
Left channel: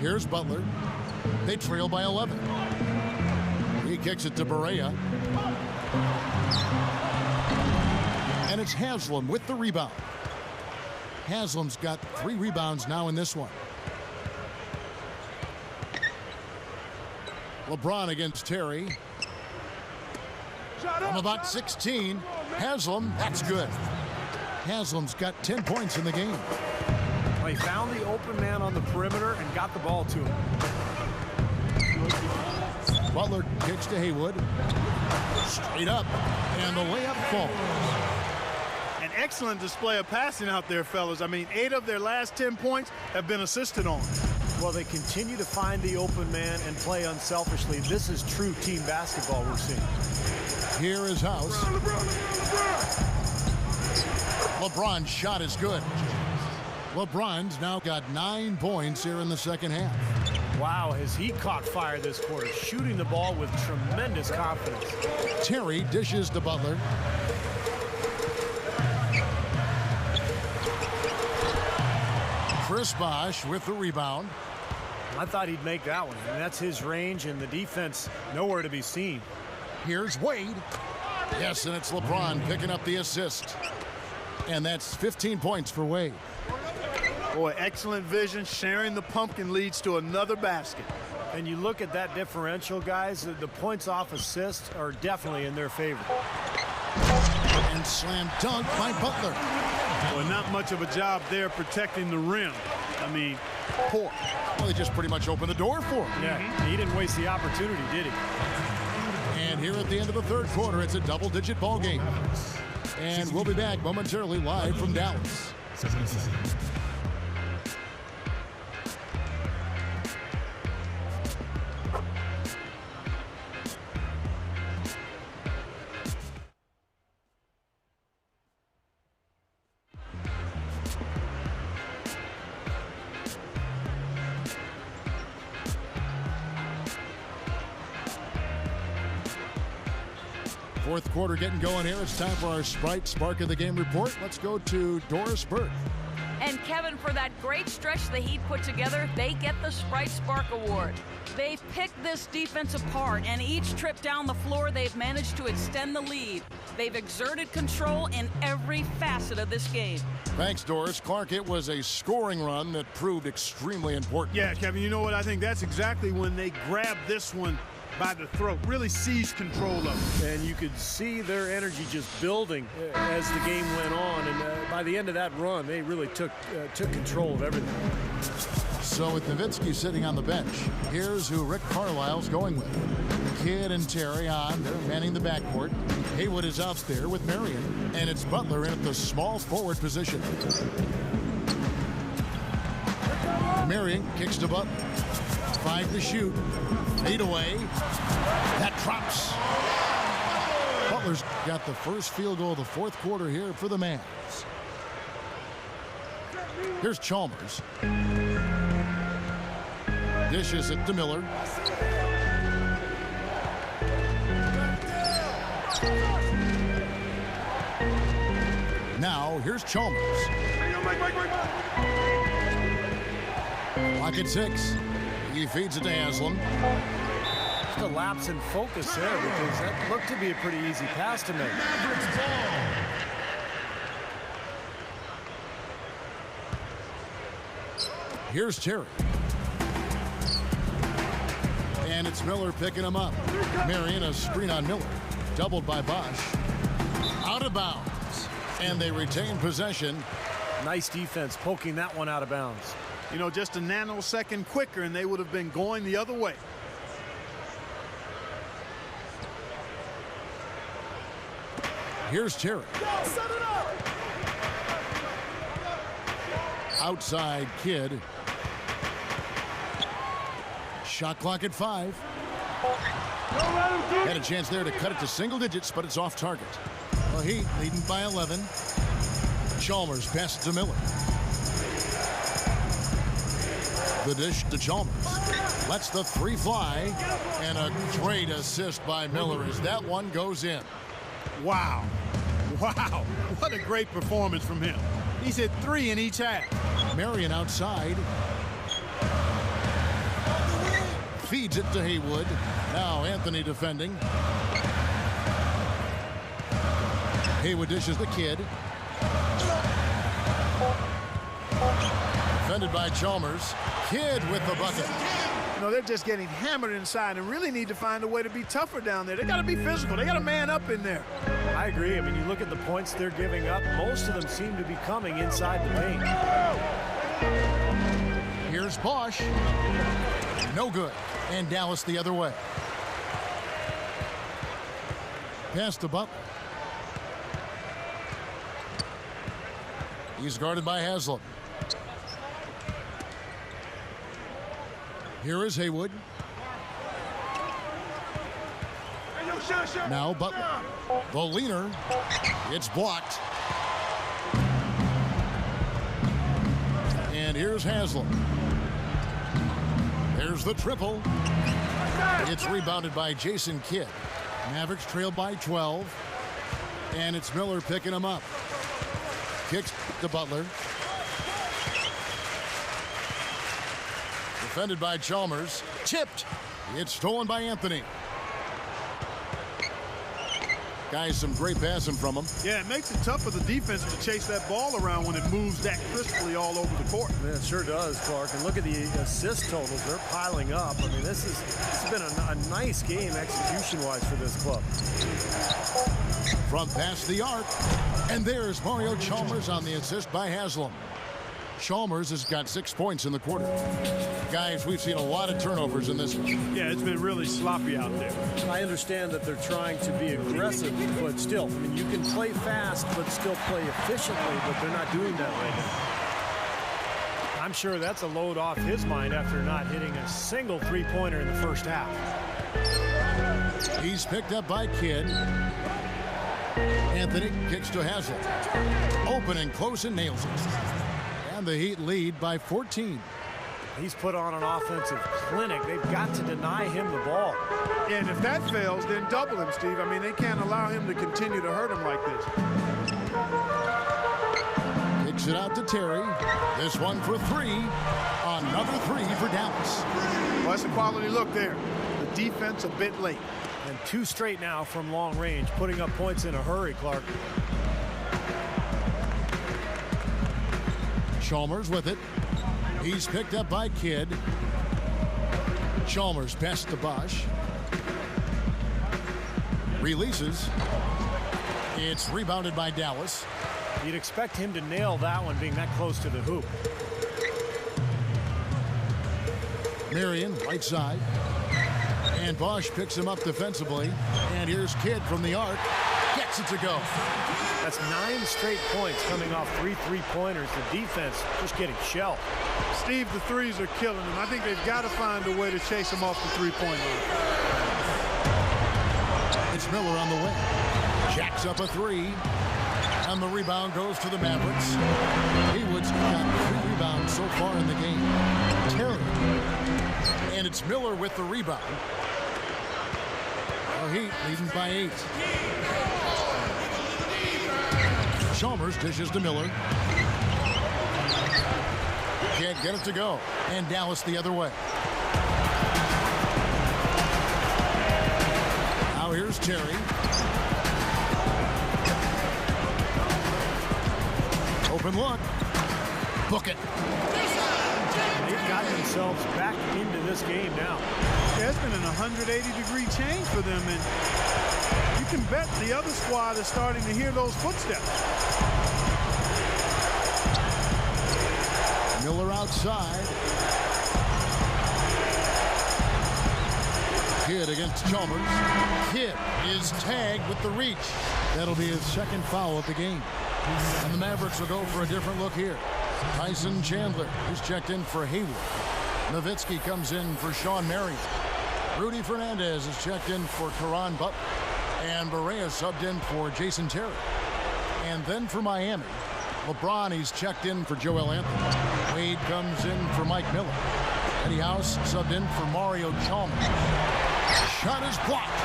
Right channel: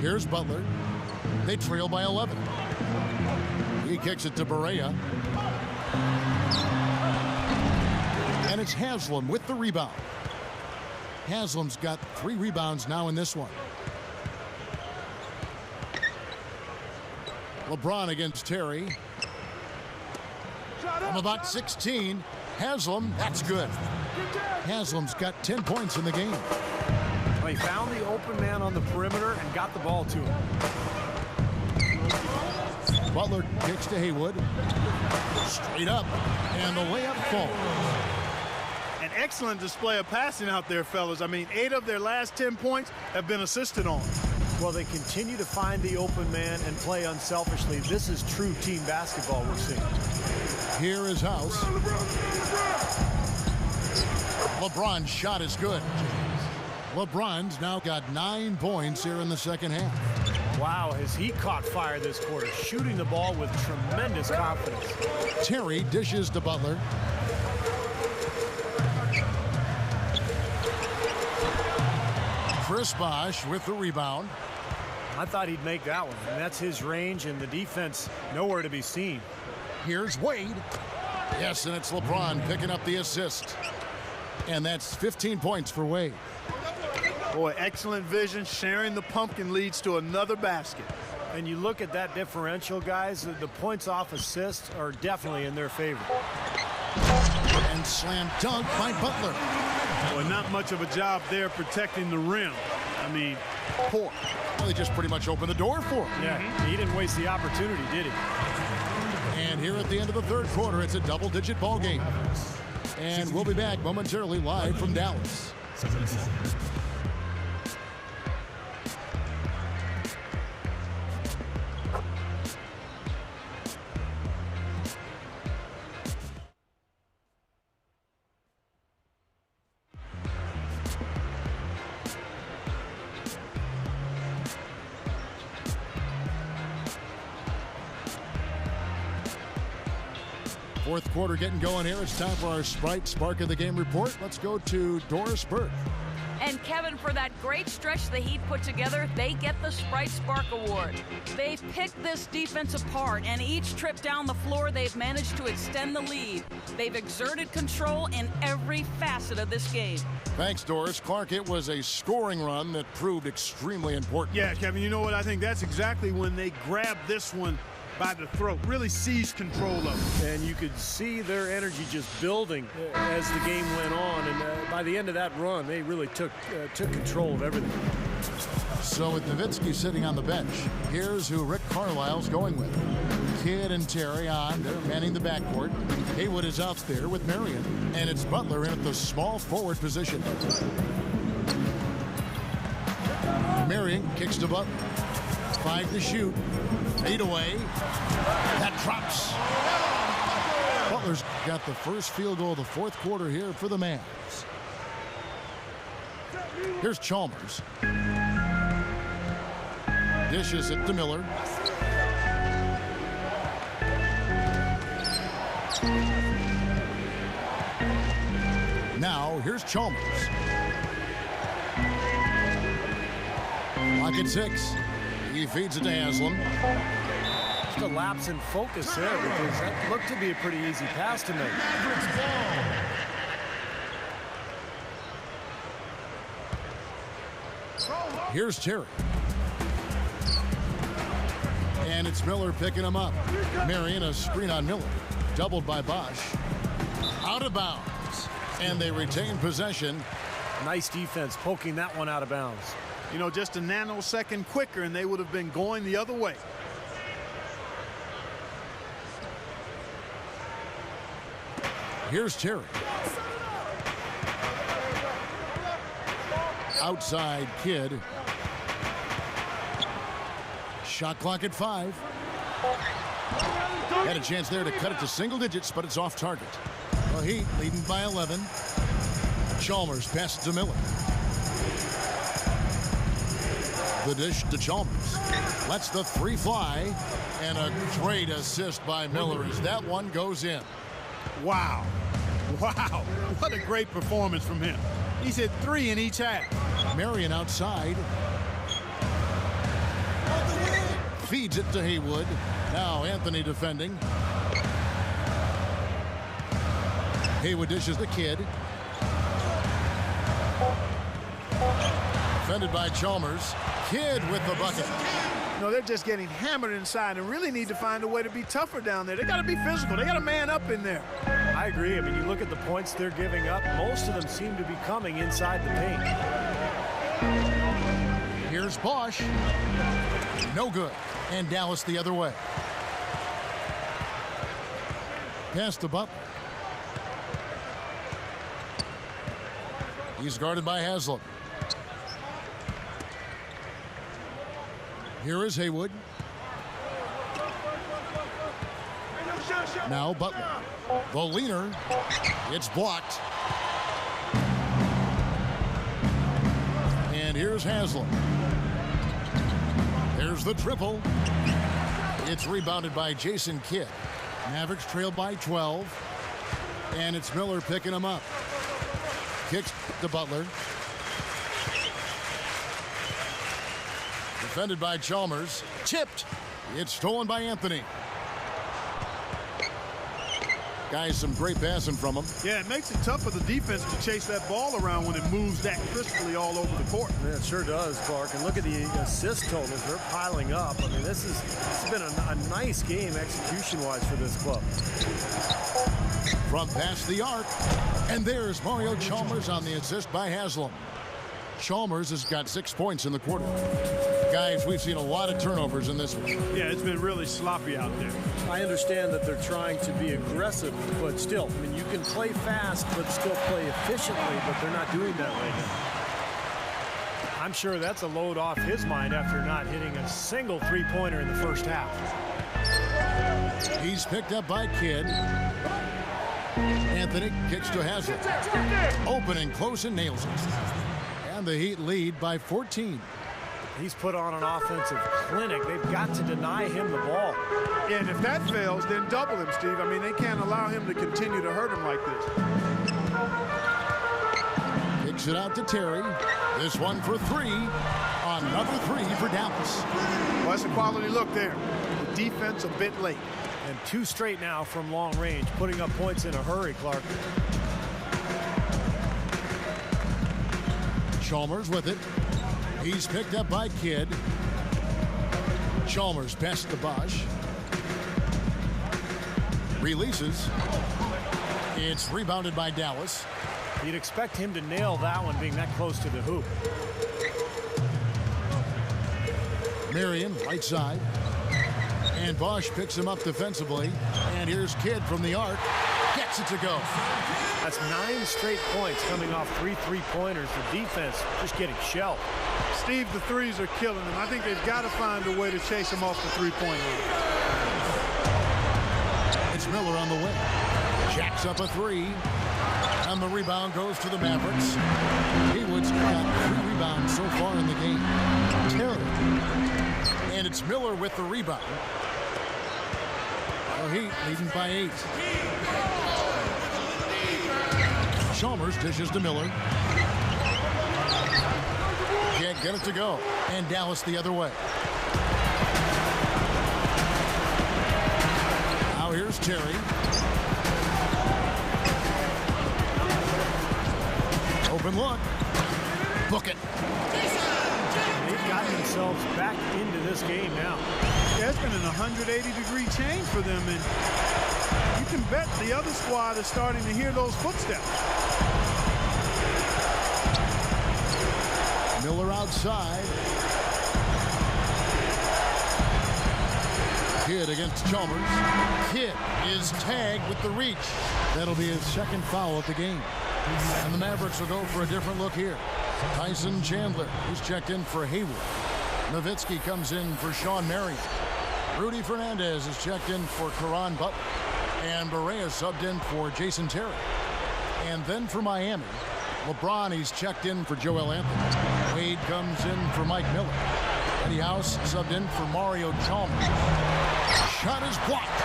Here's Butler. They trail by 11. He kicks it to Barea. And it's Haslam with the rebound. Haslam's got 3 rebounds now in this one. LeBron against Terry. From about 16. Haslam, that's good. Haslam's got 10 points in the game. Well, he found the open man on the perimeter and got the ball to him. Butler kicks to Haywood. Straight up. And the layup falls. An excellent display of passing out there, fellas. I mean, 8 of their last 10 points have been assisted on. Well, they continue to find the open man and play unselfishly. This is true team basketball we're seeing. Here is House. LeBron's shot is good. LeBron's now got 9 points here in the second half. Wow, has he caught fire this quarter, shooting the ball with tremendous confidence. Terry dishes to Butler. Chris Bosh with the rebound. I thought he'd make that one. And that's his range, and the defense nowhere to be seen. Here's Wade. Yes, and it's LeBron picking up the assist. And that's 15 points for Wade. Boy, excellent vision. Sharing the pumpkin leads to another basket. And you look at that differential, guys, the points off assists are definitely in their favor. And slam dunk by Butler. Boy, not much of a job there protecting the rim. I mean, poor. Well, they just pretty much opened the door for him. Yeah, he didn't waste the opportunity, did he? And here at the end of the third quarter, it's a double-digit ball game. And we'll be back momentarily live from Dallas. Fourth quarter getting going here. It's time for our Sprite Spark of the Game report. Let's go to Doris Burke. And Kevin, for that great stretch the Heat put together, they get the Sprite Spark Award. They've picked this defense apart, and each trip down the floor, they've managed to extend the lead. They've exerted control in every facet of this game. Thanks, Doris. Clark, it was a scoring run that proved extremely important. Yeah, Kevin, you know what? I think that's exactly when they grabbed this one by the throat, really seized control of it. And you could see their energy just building as the game went on. And by the end of that run, they really took control of everything. So with Nowitzki sitting on the bench, here's who Rick Carlisle's going with. Kidd and Terry on. They're manning the backcourt. Haywood is out there with Marion. And it's Butler in at the small forward position. Marion kicks to Butler. 5 to shoot. Fade away. That drops. Butler's got the first field goal of the fourth quarter here for the Mavs. Here's Chalmers. Dishes it to Miller. Now here's Chalmers. Clock at 6. He feeds it to Haslam. Just a lapse in focus there because that looked to be a pretty easy pass to make. Mavericks ball. Here's Terry. And it's Miller picking him up. Marion, a screen on Miller. Doubled by Bosch. Out of bounds. And they retain possession. Nice defense, poking that one out of bounds. You know, just a nanosecond quicker, and they would have been going the other way. Here's Terry. Outside Kidd. Shot clock at 5. Had a chance there to cut it to single digits, but it's off target. The Heat leading by 11. Chalmers passes to Miller. The dish to Chalmers. Lets the 3 fly. And a great assist by Miller as that one goes in. Wow. Wow. What a great performance from him. He's hit 3 in each half. Marion outside. Feeds it to Haywood. Now Anthony defending. Haywood dishes the Kidd. Defended by Chalmers. Kidd with the bucket. You know, they're just getting hammered inside and really need to find a way to be tougher down there. They got to be physical. They got to man up in there. I agree. I mean, you look at the points they're giving up. Most of them seem to be coming inside the paint. Here's Bosch. No good. And Dallas the other way. Pass to Butler. He's guarded by Haslam. Here is Haywood. Now Butler. The leaner. It's blocked. And here's Haslam. There's the triple. It's rebounded by Jason Kidd. Mavericks trail by 12. And it's Miller picking him up. Kicks to Butler. Defended by Chalmers. Tipped. It's stolen by Anthony. Guys, some great passing from him. Yeah, it makes it tough for the defense to chase that ball around when it moves that crisply all over the court. Yeah, it sure does, Clark. And look at the assist totals. They're piling up. I mean, this has been a nice game execution-wise for this club. From past the arc. And there's Mario Chalmers on the assist by Haslam. Chalmers has got 6 points in the quarter. Guys, we've seen a lot of turnovers in this one. Yeah, it's been really sloppy out there. I understand that they're trying to be aggressive, but still, I mean, you can play fast but still play efficiently, but they're not doing that right now. I'm sure that's a load off his mind after not hitting a single three-pointer in the first half. He's picked up by Kidd. Anthony kicks to Haslam. Open and close and nails it. And the Heat lead by 14. He's put on an offensive clinic. They've got to deny him the ball. Yeah, and if that fails, then double him, Steve. I mean, they can't allow him to continue to hurt him like this. Kicks it out to Terry. This one for three. Another three for Dallas. Well, that's a quality look there. The defense a bit late. And 2 straight now from long range, putting up points in a hurry, Clark. Chalmers with it. He's picked up by Kidd. Chalmers passes to Bosch. Releases. It's rebounded by Dallas. You'd expect him to nail that one being that close to the hoop. Marion, right side. And Bosch picks him up defensively. And here's Kidd from the arc. Gets it to go. That's 9 straight points coming off 3 3-pointers. The defense just getting shelled. Steve, the threes are killing them. I think they've got to find a way to chase them off the three-point line. It's Miller on the wing. Jacks up a three. And the rebound goes to the Mavericks. Haywood's got 3 rebounds so far in the game. Terry. And it's Miller with the rebound. The Heat leading by 8. Chalmers dishes to Miller. Can't get it to go. And Dallas the other way. Now here's Terry. Open look. Book it. They've gotten themselves back into this game now. Yeah, it's been an 180-degree change for them, and you can bet the other squad is starting to hear those footsteps. Miller outside. Kidd against Chalmers. Kidd is tagged with the reach. That'll be his second foul of the game. And the Mavericks will go for a different look here. Tyson Chandler, he's checked in for Haywood. Nowitzki comes in for Sean Marion. Rudy Fernandez is checked in for Caron Butler. And Barea subbed in for Jason Terry. And then for Miami, LeBron, he's checked in for Joel Anthony. Wade comes in for Mike Miller. Eddie House subbed in for Mario Chalmers. Shot is blocked.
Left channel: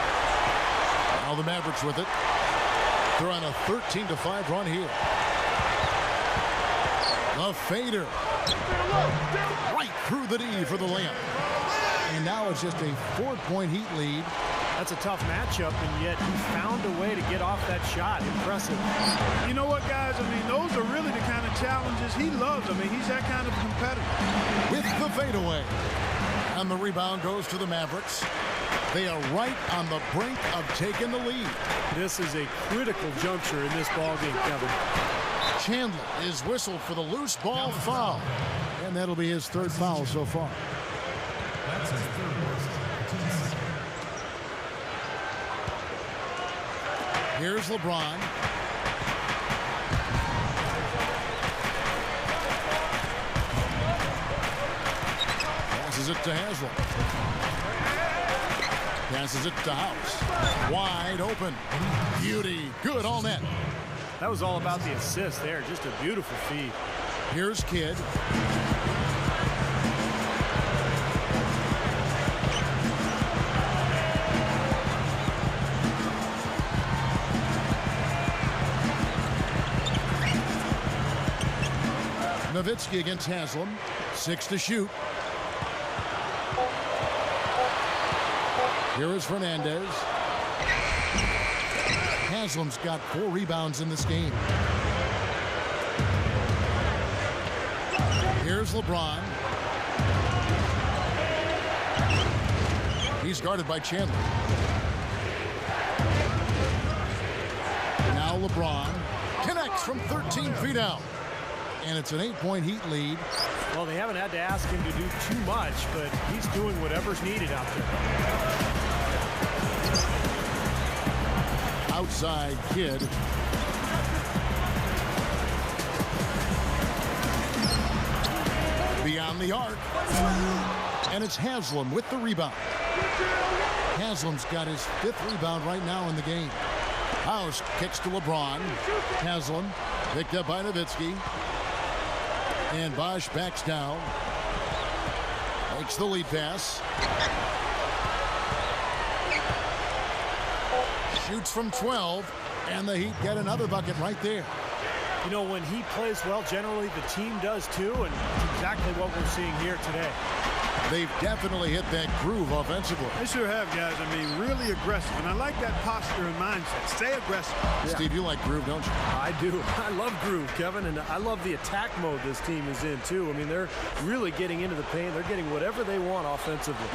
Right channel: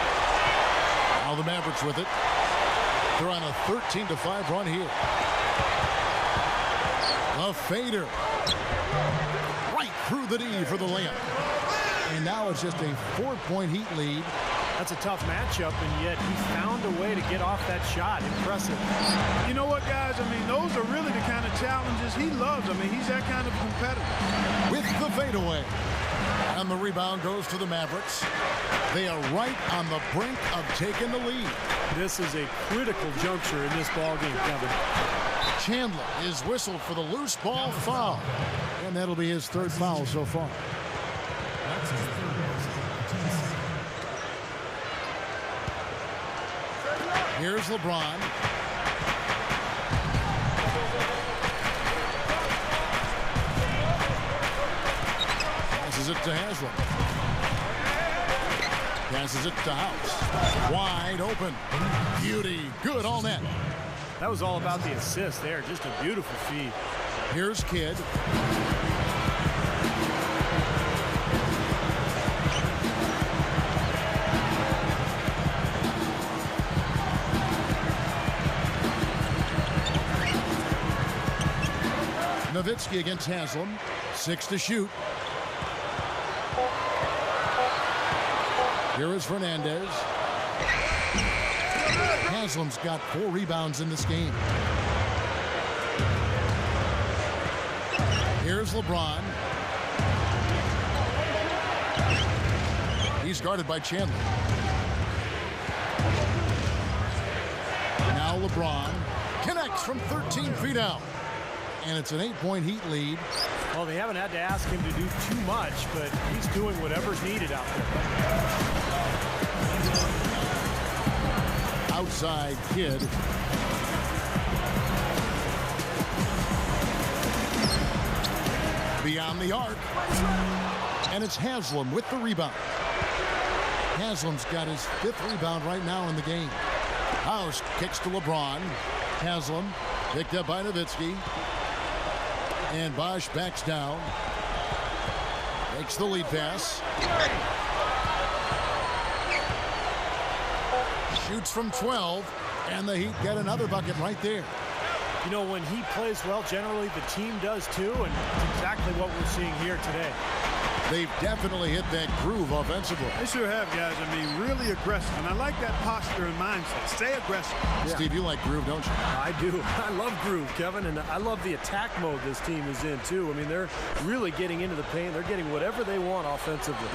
Now the Mavericks with it. They're on a 13-5 run here. The fader. Right through the D for the layup. And now it's just a 4-point Heat lead. That's a tough matchup, and yet he found a way to get off that shot. Impressive. You know what, guys? I mean, those are really the kind of challenges he loves. I mean, he's that kind of a competitor. With the fadeaway. And the rebound goes to the Mavericks. They are right on the brink of taking the lead. This is a critical juncture in this ballgame, Kevin. Chandler is whistled for the loose ball foul. And that'll be his 3rd foul so far. That's his 3rd personal, 15 seconds. Here's LeBron. Passes it to Haslam. Passes it to House. Wide open. Beauty. Good all net. That was all about the assist there. Just a beautiful feed. Here's Kidd. Nowitzki against Haslam. 6 to shoot. Here is Fernandez. Haslam's got 4 rebounds in this game. Here's LeBron. He's guarded by Chandler. Now LeBron connects from 13 feet out. And it's an 8-point Heat lead. Well, they haven't had to ask him to do too much, but he's doing whatever's needed out there. Outside Kidd. Beyond the arc. And it's Haslam with the rebound. Haslam's got his 5th rebound right now in the game. House kicks to LeBron. Haslam picked up by Nowitzki. And Bosch backs down. Takes the lead pass. Shoots from 12, and the Heat get another bucket right there. You know, when he plays well, generally the team does too, and it's exactly what we're seeing here today. They've definitely hit that groove offensively. They sure have, guys. I mean, really aggressive. And I like that posture and mindset. Stay aggressive. Yeah. Steve, you like groove, don't you? I do. I love groove, Kevin, and I love the attack mode this team is in, too. I mean, they're really getting into the paint. They're getting whatever they want offensively.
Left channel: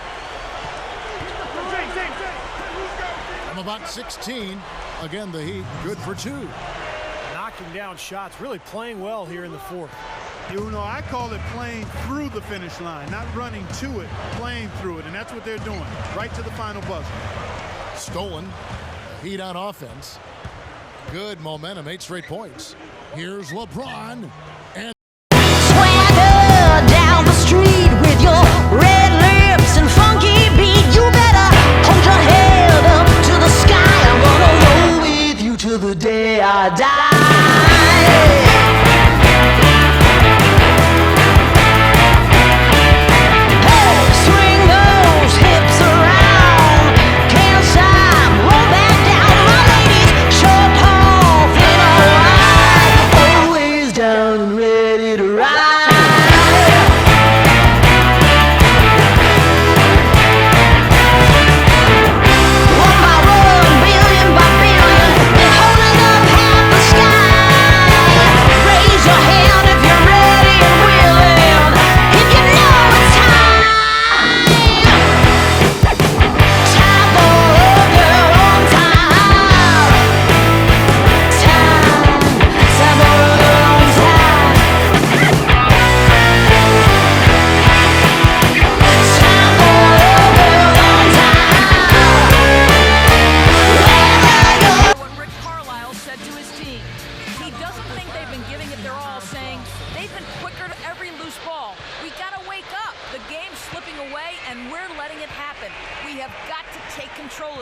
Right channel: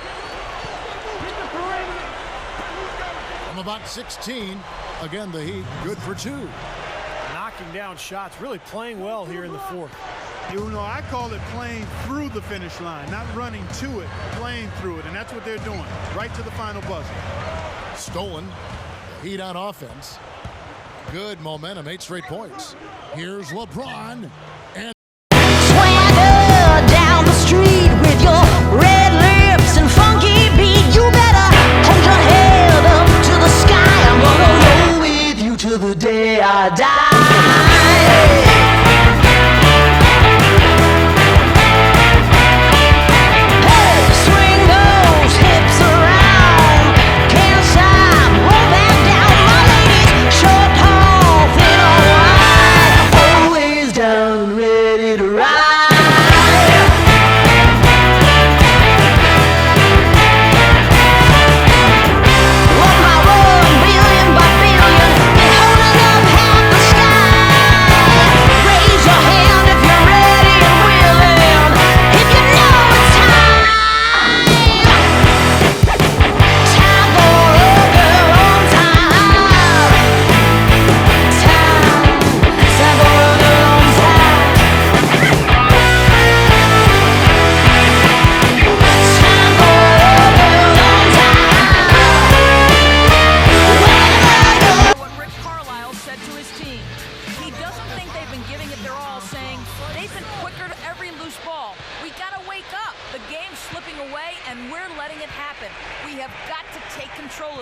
From about 16, again, the Heat good for 2. Knocking down shots, really playing well here in the fourth. You know, I call it playing through the finish line, not running to it, playing through it, and that's what they're doing, right to the final buzzer. Stolen, the Heat on offense. Good momentum, 8 straight points. Here's LeBron, and swagger down the street with your red lips and funky beat. You better hold your head up to the sky. I'm gonna roll with you till the day I die.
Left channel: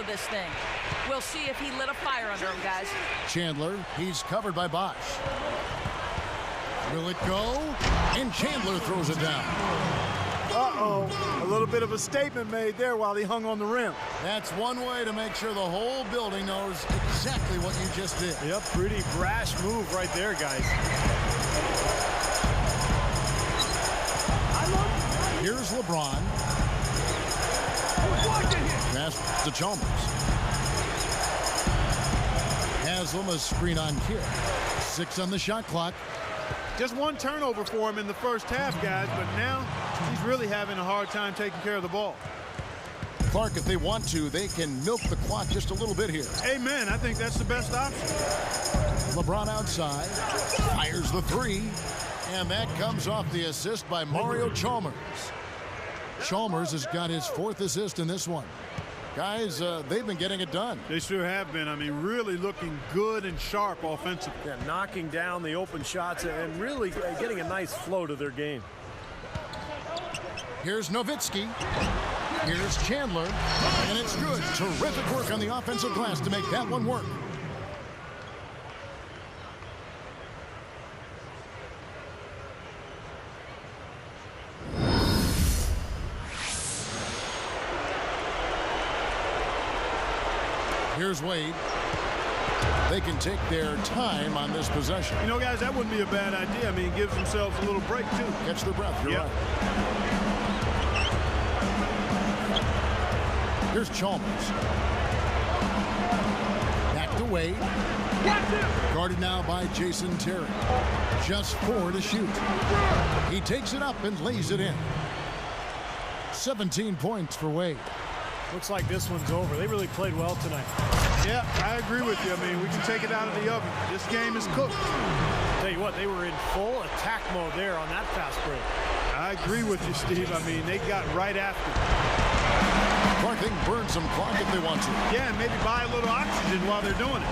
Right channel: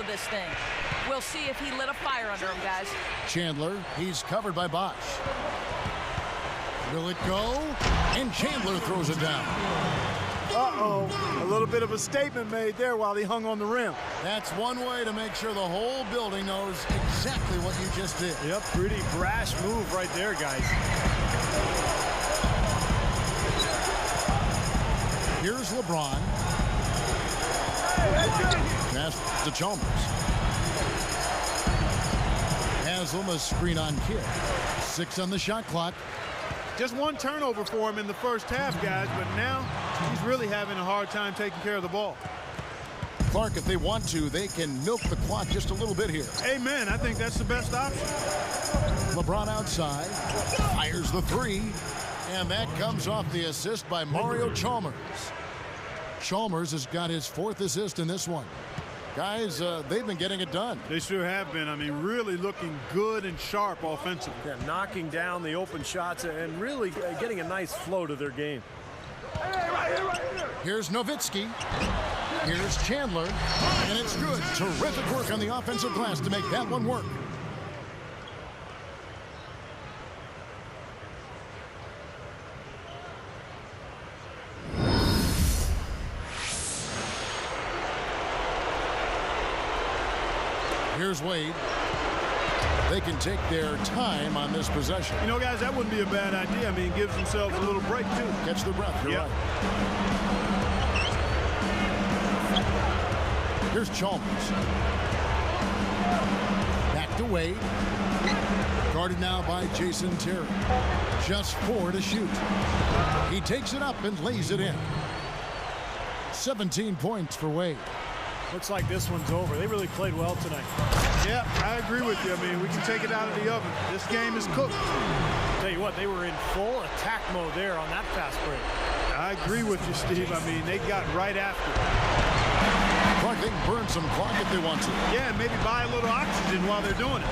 This thing. We'll see if he lit a fire under him, guys. Chandler, he's covered by Bosch. Will it go? And Chandler throws it down. Uh-oh, a little bit of a statement made there while he hung on the rim. That's one way to make sure the whole building knows exactly what you just did. Yep, pretty brash move right there, guys. Here's LeBron. Pass to Chalmers. Haslam, a screen on Kidd. 6 on the shot clock. Just one turnover for him in the first half, guys, but now he's really having a hard time taking care of the ball. Clark, if they want to, they can milk the clock just a little bit here. Amen. I think that's the best option. LeBron outside. Fires the 3. And that comes off the assist by Mario Chalmers. Chalmers has got his 4th assist in this one. Guys, they've been getting it done. They sure have been. I mean, really looking good and sharp offensively. Yeah, knocking down the open shots and really getting a nice flow to their game. Here's Nowitzki. Here's Chandler. And it's good. Terrific work on the offensive glass to make that one work. Here's Wade. They can take their time on this possession. You know, guys, that wouldn't be a bad idea. I mean, it gives themselves a little break, too. Catch their breath. You're right. Here's Chalmers. Back to Wade. Guarded now by Jason Terry. Just 4 to shoot. He takes it up and lays it in. 17 points for Wade. Looks like this one's over. They really played well tonight. Yeah, I agree with you. I mean, we can take it out of the oven. This game is cooked. Tell you what, they were in full attack mode there on that fast break. I agree with you, Steve. I mean, they got right after it. Clark, they can burn some clock if they want to. Yeah, and maybe buy a little oxygen while they're doing it.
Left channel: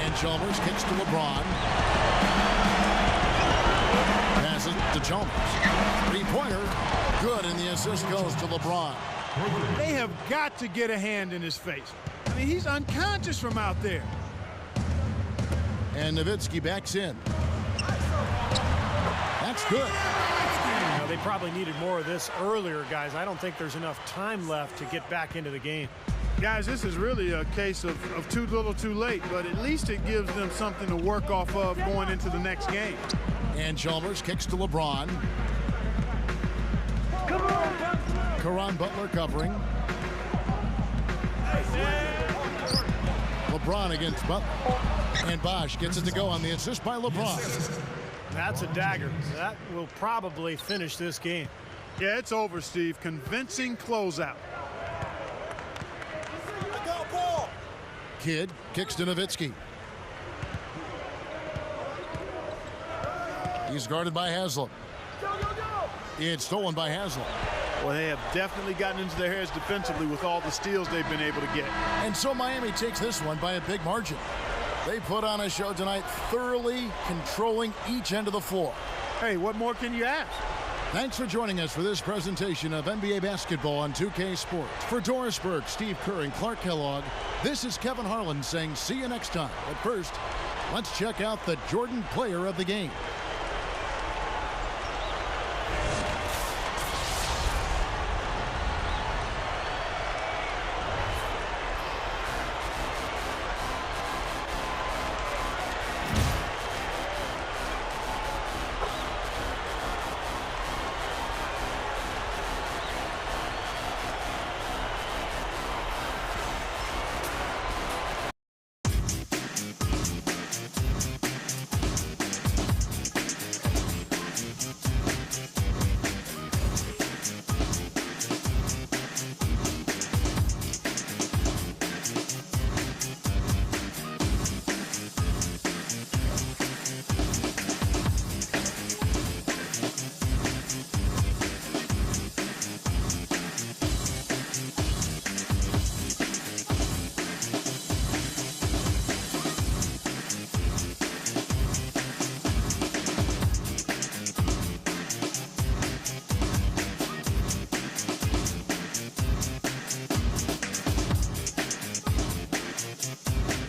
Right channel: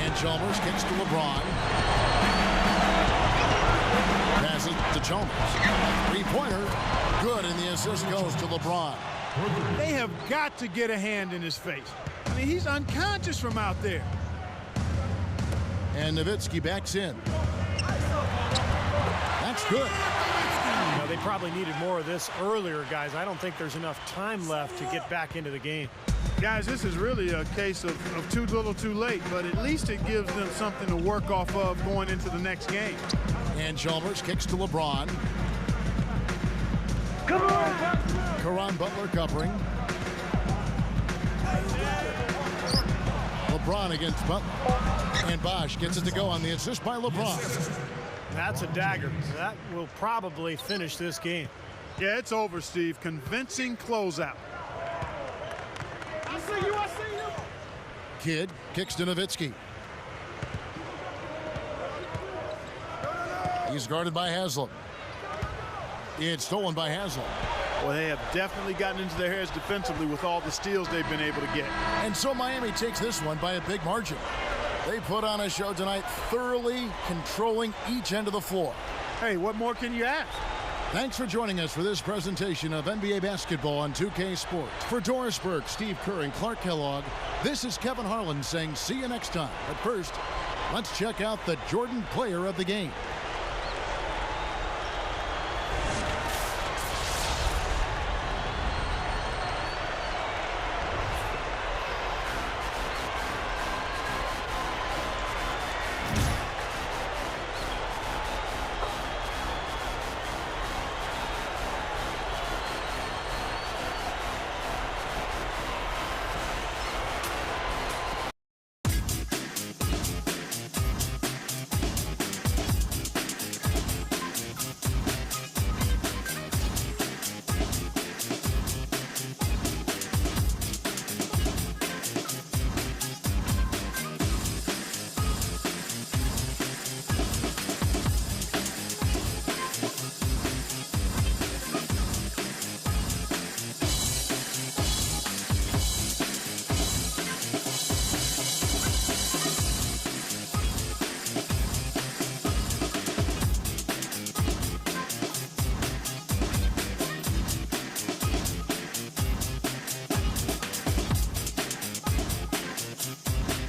And Chalmers kicks to LeBron. Passes to Chalmers. 3-pointer. Good, and the assist goes to LeBron. They have got to get a hand in his face. I mean, he's unconscious from out there. And Nowitzki backs in. That's good. know, they probably needed more of this earlier, guys. I don't think there's enough time left to get back into the game. Guys, this is really a case of too little too late, but at least it gives them something to work off of going into the next game. And Chalmers kicks to LeBron. Caron Butler covering. LeBron against Butler. And Bosch gets it to go on the assist by LeBron. That's a dagger. That will probably finish this game. Yeah, it's over, Steve. Convincing closeout. Kidd kicks to Nowitzki. He's guarded by Haslam. It's stolen by Haslam. Well, they have definitely gotten into their heads defensively with all the steals they've been able to get. And so Miami takes this one by a big margin. They put on a show tonight, thoroughly controlling each end of the floor. Hey, what more can you ask? Thanks for joining us for this presentation of NBA basketball on 2K Sports. For Doris Burke, Steve Kerr, and Clark Kellogg, this is Kevin Harlan saying see you next time. But first, let's check out the Jordan player of the game.